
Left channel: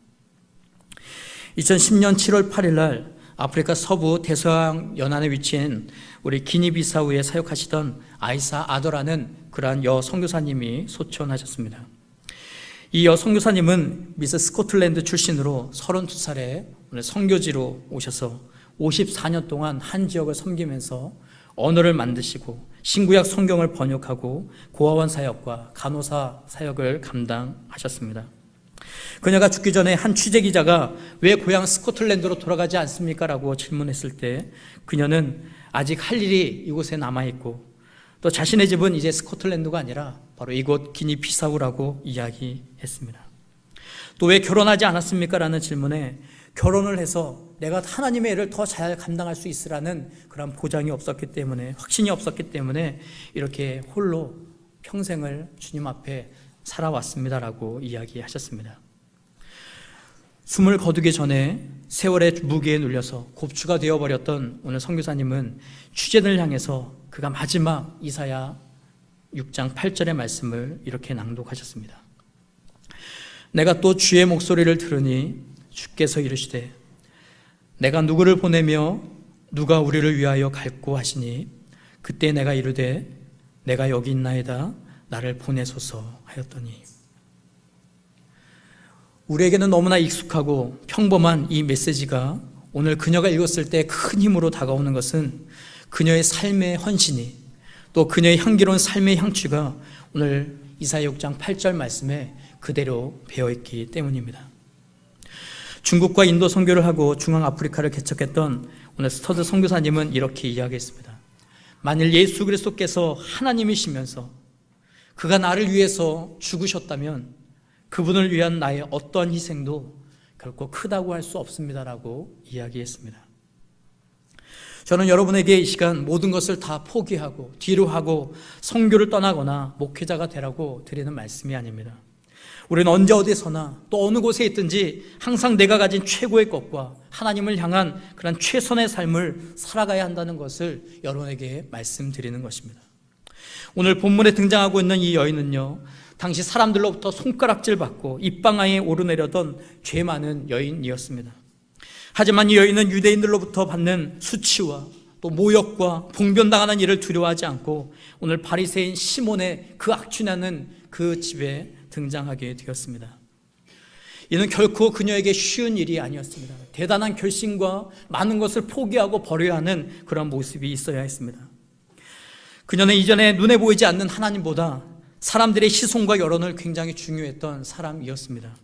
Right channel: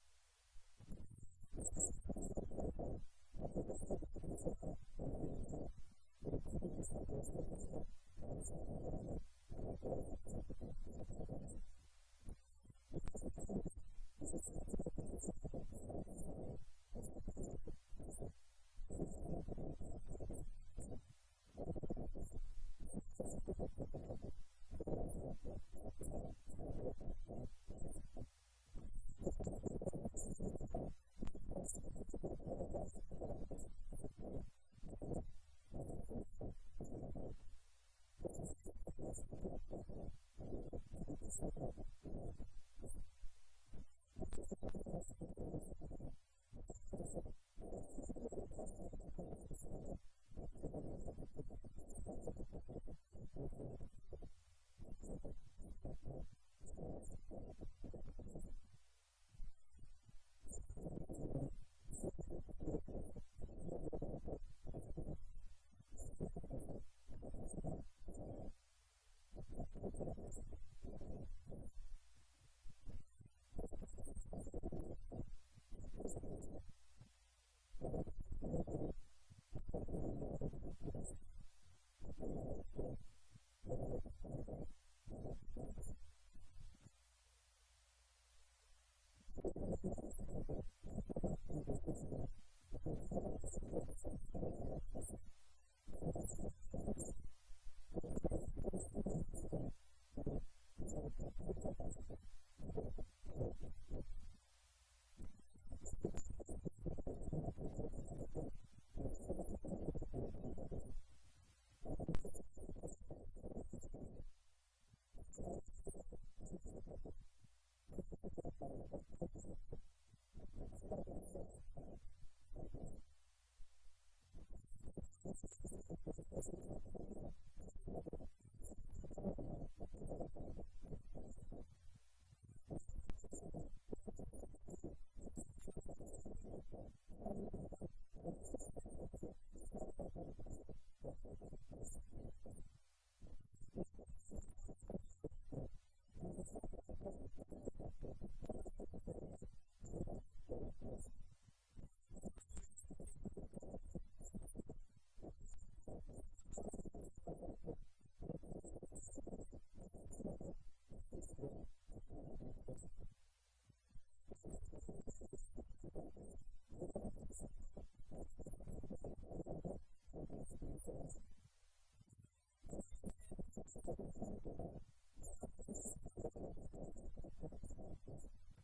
2010년 7월 8일 날 아프리카 서부 대서양 연안에 위치한 우리 기니비사우에 사역하시던 아이사 아더라는 그러한 여 선교사님이 소천하셨습니다. 이 여 선교사님은 미스 스코틀랜드 출신으로 32살에 선교지로 오셔서 54년 동안 한 지역을 섬기면서 언어를 만드시고 신구약 성경을 번역하고 고아원 사역과 간호사 사역을 감당하셨습니다. 그녀가 죽기 전에 한 취재기자가 왜 고향 스코틀랜드로 돌아가지 않습니까? 라고 질문했을 때 그녀는 아직 할 일이 이곳에 남아있고 또 자신의 집은 이제 스코틀랜드가 아니라 바로 이곳 기니비사우라고 이야기했습니다. 또 왜 결혼하지 않았습니까? 라는 질문에 결혼을 해서 내가 하나님의 일을 더 잘 감당할 수 있으라는 그런 보장이 없었기 때문에, 확신이 없었기 때문에 이렇게 홀로 평생을 주님 앞에 살아왔습니다라고 이야기하셨습니다. 숨을 거두기 전에 세월의 무게에 눌려서 곱추가 되어버렸던 오늘 선교사님은 취재진을 향해서 그가 마지막 이사야 6장 8절의 말씀을 이렇게 낭독하셨습니다. 내가 또 주의 목소리를 들으니 주께서 이르시되 내가 누구를 보내며 누가 우리를 위하여 갈꼬 하시니 그때 내가 이르되 내가 여기 있나이다 나를 보내소서 하였더니. 우리에게는 너무나 익숙하고 평범한 이 메시지가 오늘 그녀가 읽었을 때 큰 힘으로 다가오는 것은 그녀의 삶의 헌신이, 또 그녀의 향기로운 삶의 향취가 오늘 이사야 6장 8절 말씀에 그대로 배어있기 때문입니다. 중국과 인도 선교를 하고 중앙아프리카를 개척했던 오늘 스터드 선교사님은 이렇게 이야기했습니다. 만일 예수 그리스도께서 하나님이시면서 그가 나를 위해서 죽으셨다면 그분을 위한 나의 어떠한 희생도 결코 크다고 할 수 없습니다라고 이야기했습니다. 저는 여러분에게 이 시간 모든 것을 다 포기하고 뒤로 하고 선교를 떠나거나 목회자가 되라고 드리는 말씀이 아닙니다. 우리는 언제 어디서나 또 어느 곳에 있든지 항상 내가 가진 최고의 것과 하나님을 향한 그런 최선의 삶을 살아가야 한다는 것을 여러분에게 말씀드리는 것입니다. 오늘 본문에 등장하고 있는 이 여인은요, 당시 사람들로부터 손가락질 받고 입방아에 오르내려던 죄 많은 여인이었습니다. 하지만 이 여인은 유대인들로부터 받는 수치와 또 모욕과 봉변당하는 일을 두려워하지 않고 오늘 바리새인 시몬의 그 악취나는 그 집에 등장하게 되었습니다. 이는 결코 그녀에게 쉬운 일이 아니었습니다. 대단한 결심과 많은 것을 포기하고 버려야 하는 그런 모습이 있어야 했습니다. 그녀는 이전에 눈에 보이지 않는 하나님보다 사람들의 시선과 여론을 굉장히 중요했던 사람이었습니다.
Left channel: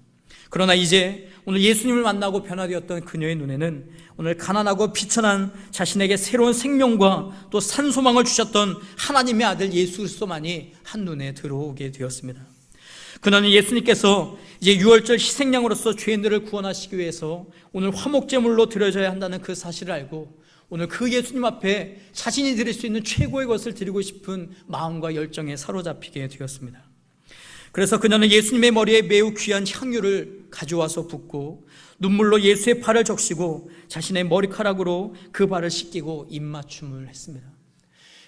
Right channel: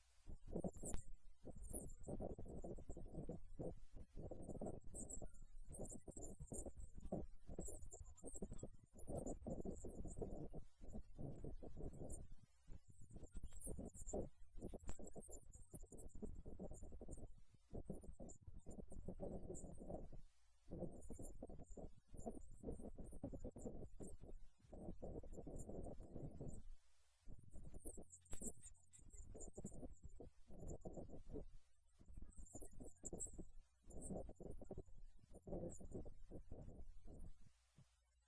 그러나 이제 오늘 예수님을 만나고 변화되었던 그녀의 눈에는 오늘 가난하고 비천한 자신에게 새로운 생명과 또 산소망을 주셨던 하나님의 아들 예수 그리스도만이 한눈에 들어오게 되었습니다. 그녀는 예수님께서 이제 유월절 희생양으로서 죄인들을 구원하시기 위해서 오늘 화목제물로 드려져야 한다는 그 사실을 알고 오늘 그 예수님 앞에 자신이 드릴 수 있는 최고의 것을 드리고 싶은 마음과 열정에 사로잡히게 되었습니다. 그래서 그녀는 예수님의 머리에 매우 귀한 향유를 가져와서 붓고 눈물로 예수의 발을 적시고 자신의 머리카락으로 그 발을 씻기고 입맞춤을 했습니다.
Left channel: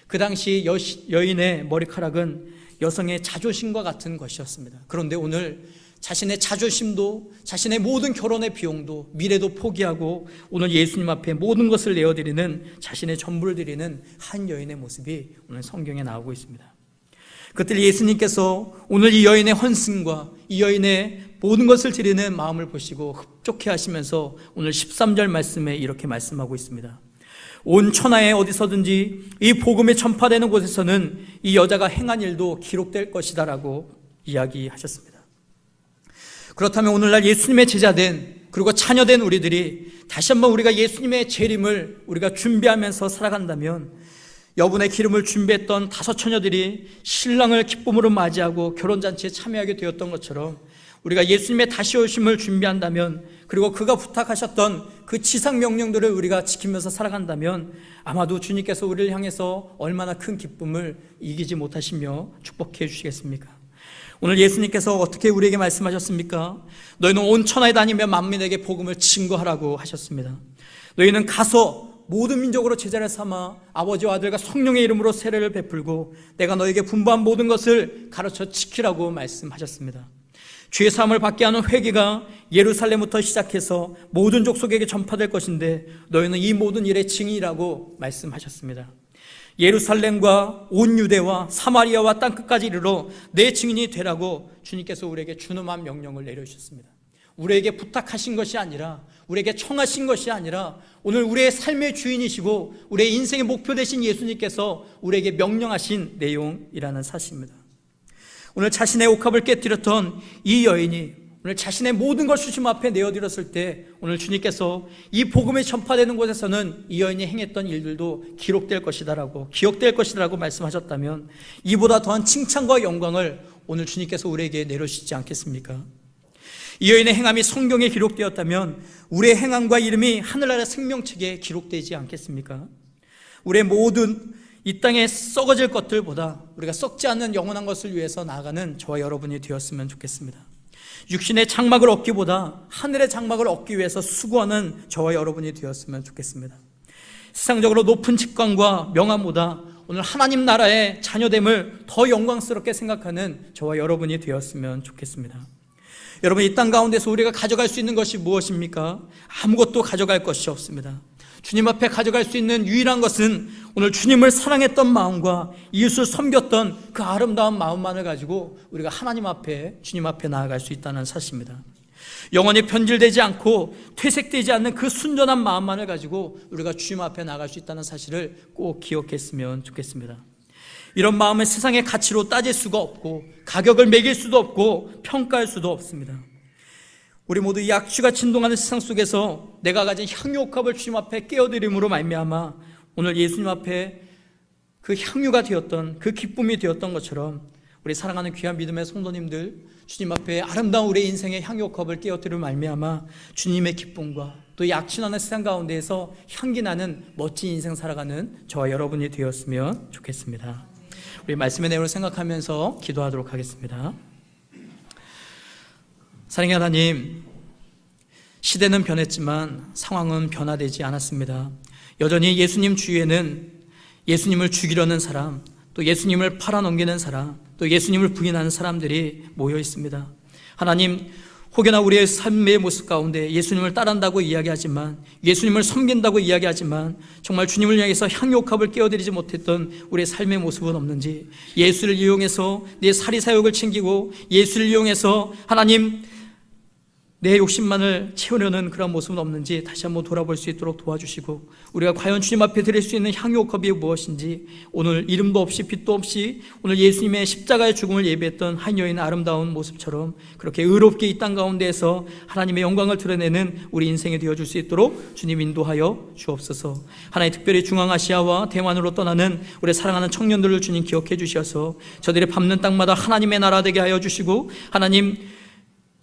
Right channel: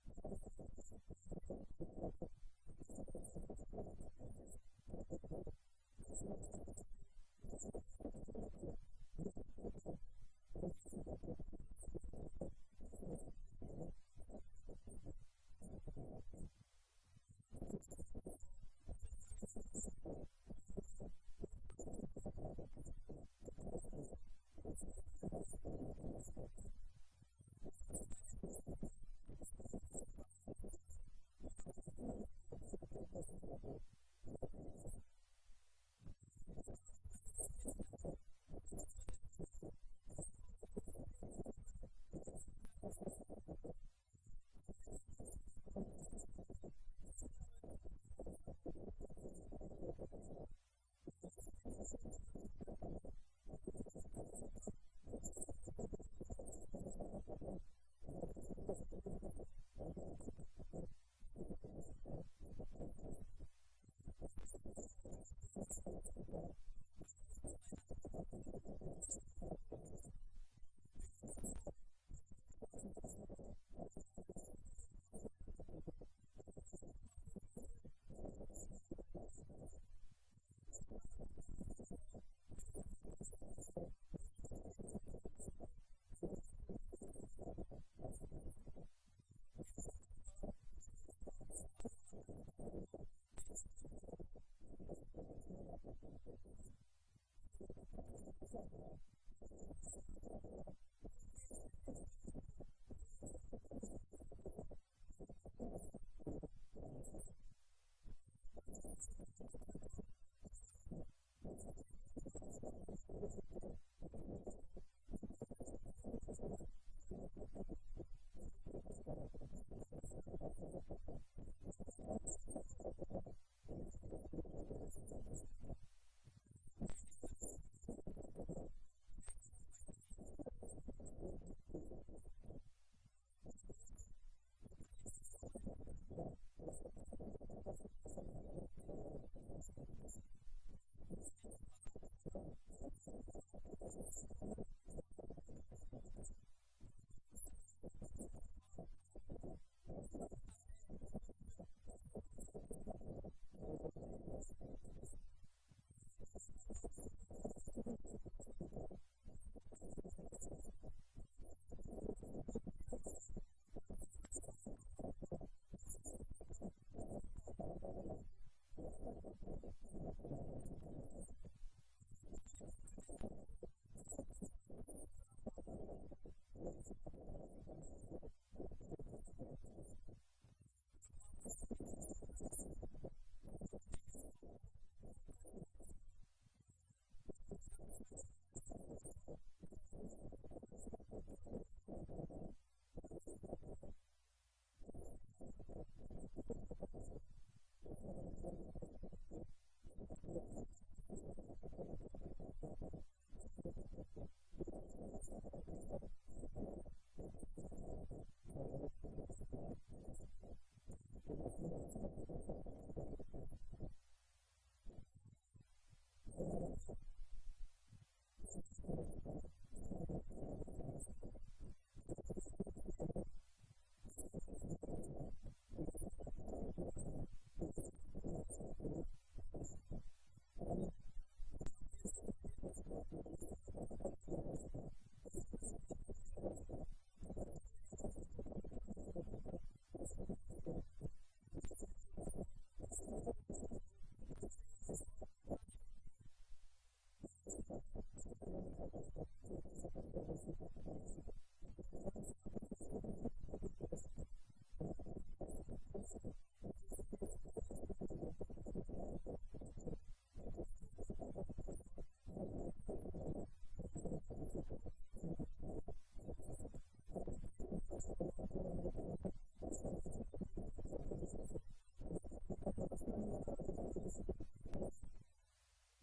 그 당시 여인의 머리카락은 여성의 자존심과 같은 것이었습니다. 그런데 오늘 자신의 자존심도 자신의 모든 결혼의 비용도 미래도 포기하고 오늘 예수님 앞에 모든 것을 내어드리는 자신의 전부를 드리는 한 여인의 모습이 오늘 성경에 나오고 있습니다. 그때 예수님께서 오늘 이 여인의 헌신과 이 여인의 모든 것을 드리는 마음을 보시고 흡족해 하시면서 오늘 13절 말씀에 이렇게 말씀하고 있습니다. 온 천하에 어디서든지 이 복음이 전파되는 곳에서는 이 여자가 행한 일도 기록될 것이다 라고 이야기하셨습니다. 그렇다면 오늘날 예수님의 제자된 그리고 자녀된 우리들이 다시 한번 우리가 예수님의 재림을 우리가 준비하면서 살아간다면 여분의 기름을 준비했던 5 처녀들이 신랑을 기쁨으로 맞이하고 결혼잔치에 참여하게 되었던 것처럼 우리가 예수님의 다시 오심을 준비한다면, 그리고 그가 부탁하셨던 그 지상 명령들을 우리가 지키면서 살아간다면 아마도 주님께서 우리를 향해서 얼마나 큰 기쁨을 이기지 못하시며 축복해 주시겠습니까? 오늘 예수님께서 어떻게 우리에게 말씀하셨습니까? 너희는 온 천하에 다니며 만민에게 복음을 증거하라고 하셨습니다. 너희는 가서 모든 민족으로 제자를 삼아 아버지와 아들과 성령의 이름으로 세례를 베풀고 내가 너에게 분부한 모든 것을 가르쳐 지키라고 말씀하셨습니다. 죄 사함을 받게 하는 회개가 예루살렘부터 시작해서 모든 족속에게 전파될 것인데 너희는 이 모든 일의 증인이라고 말씀하셨습니다. 예루살렘과 온 유대와 사마리아와 땅끝까지 이르러 내 증인이 되라고 주님께서 우리에게 준엄한 명령을 내려주셨습니다. 우리에게 부탁하신 것이 아니라, 우리에게 청하신 것이 아니라, 오늘 우리의 삶의 주인이시고 우리의 인생의 목표 되신 예수님께서 우리에게 명령하신 내용이라는 사실입니다. 오늘 자신의 옥합을 깨뜨렸던 이 여인이 오늘 자신의 모든 걸 주님 앞에 내어드렸을 때 오늘 주님께서 이 복음이 전파되는 곳에서는 이 여인이 행했던 일들도 기록될 것이다라고, 기억될 것이다라고 말씀하셨다면 이보다 더한 칭찬과 영광을 오늘 주님께서 우리에게 내려주시지 않겠습니까? 이 여인의 행함이 성경에 기록되었다면 우리의 행함과 이름이 하늘나라 생명책에 기록되지 않겠습니까? 우리의 모든 이 땅에 썩어질 것들보다 우리가 썩지 않는 영원한 것을 위해서 나아가는 저와 여러분이 되었으면 좋겠습니다. 육신의 장막을 얻기보다 하늘의 장막을 얻기 위해서 수고하는 저와 여러분이 되었으면 좋겠습니다. 세상적으로 높은 직관과 명함보다 오늘 하나님 나라의 자녀됨을 더 영광스럽게 생각하는 저와 여러분이 되었으면 좋겠습니다. 여러분, 이 땅 가운데서 우리가 가져갈 수 있는 것이 무엇입니까? 아무것도 가져갈 것이 없습니다. 주님 앞에 가져갈 수 있는 유일한 것은 오늘 주님을 사랑했던 마음과 이웃을 섬겼던 그 아름다운 마음만을 가지고 우리가 하나님 앞에, 주님 앞에 나아갈 수 있다는 사실입니다. 영원히 변질되지 않고 퇴색되지 않는 그 순전한 마음만을 가지고 우리가 주님 앞에 나아갈 수 있다는 사실을 꼭 기억했으면 좋겠습니다. 이런 마음은 세상의 가치로 따질 수가 없고 가격을 매길 수도 없고 평가할 수도 없습니다. 우리 모두 이 악취가 진동하는 세상 속에서 내가 가진 향유옥합을 주님 앞에 깨어드림으로 말미암아 오늘 예수님 앞에 그 향유가 되었던, 그 기쁨이 되었던 것처럼 우리 사랑하는 귀한 믿음의 성도님들, 주님 앞에 아름다운 우리의 인생의 향유옥합을 깨어드림으로 말미암아 주님의 기쁨과 또 이 악취나는 세상 가운데에서 향기나는 멋진 인생 살아가는 저와 여러분이 되었으면 좋겠습니다. 우리 말씀의 내용을 생각하면서 기도하도록 하겠습니다. 사랑의 하나님, 시대는 변했지만 상황은 변화되지 않았습니다. 여전히 예수님 주위에는 예수님을 죽이려는 사람, 또 예수님을 팔아넘기는 사람, 또 예수님을 부인하는 사람들이 모여 있습니다. 하나님, 혹여나 우리의 삶의 모습 가운데 예수님을 따른다고 이야기하지만, 예수님을 섬긴다고 이야기하지만 정말 주님을 향해서 향유옥합을 깨어드리지 못했던 우리의 삶의 모습은 없는지, 예수를 이용해서 내 사리사욕을 챙기고 예수를 이용해서 하나님 내 욕심만을 채우려는 그런 모습은 없는지 다시 한번 돌아볼 수 있도록 도와주시고, 우리가 과연 주님 앞에 드릴 수 있는 향유옥합이 무엇인지 오늘 이름도 없이 빛도 없이 오늘 예수님의 십자가의 죽음을 예배했던 한 여인의 아름다운 모습처럼 그렇게 의롭게 이 땅 가운데에서 하나님의 영광을 드러내는 우리 인생이 되어줄 수 있도록 주님 인도하여 주옵소서. 하나님, 특별히 중앙아시아와 대만으로 떠나는 우리 사랑하는 청년들을 주님 기억해 주셔서 저들이 밟는 땅마다 하나님의 나라 되게 하여 주시고, 하나님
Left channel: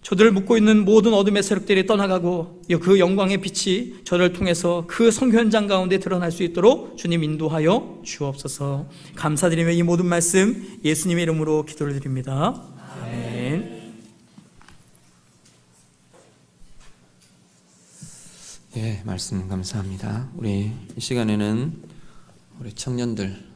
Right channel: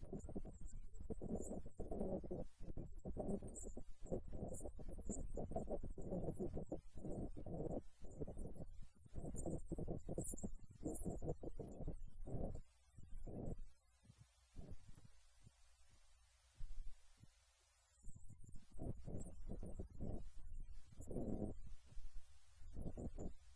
저들을 묶고 있는 모든 어둠의 세력들이 떠나가고 그 영광의 빛이 저를 통해서 그 선교 현장 가운데 드러날 수 있도록 주님 인도하여 주옵소서. 감사드리며 이 모든 말씀 예수님의 이름으로 기도를 드립니다. 아멘. 예, 말씀 감사합니다. 우리 이 시간에는 우리 청년들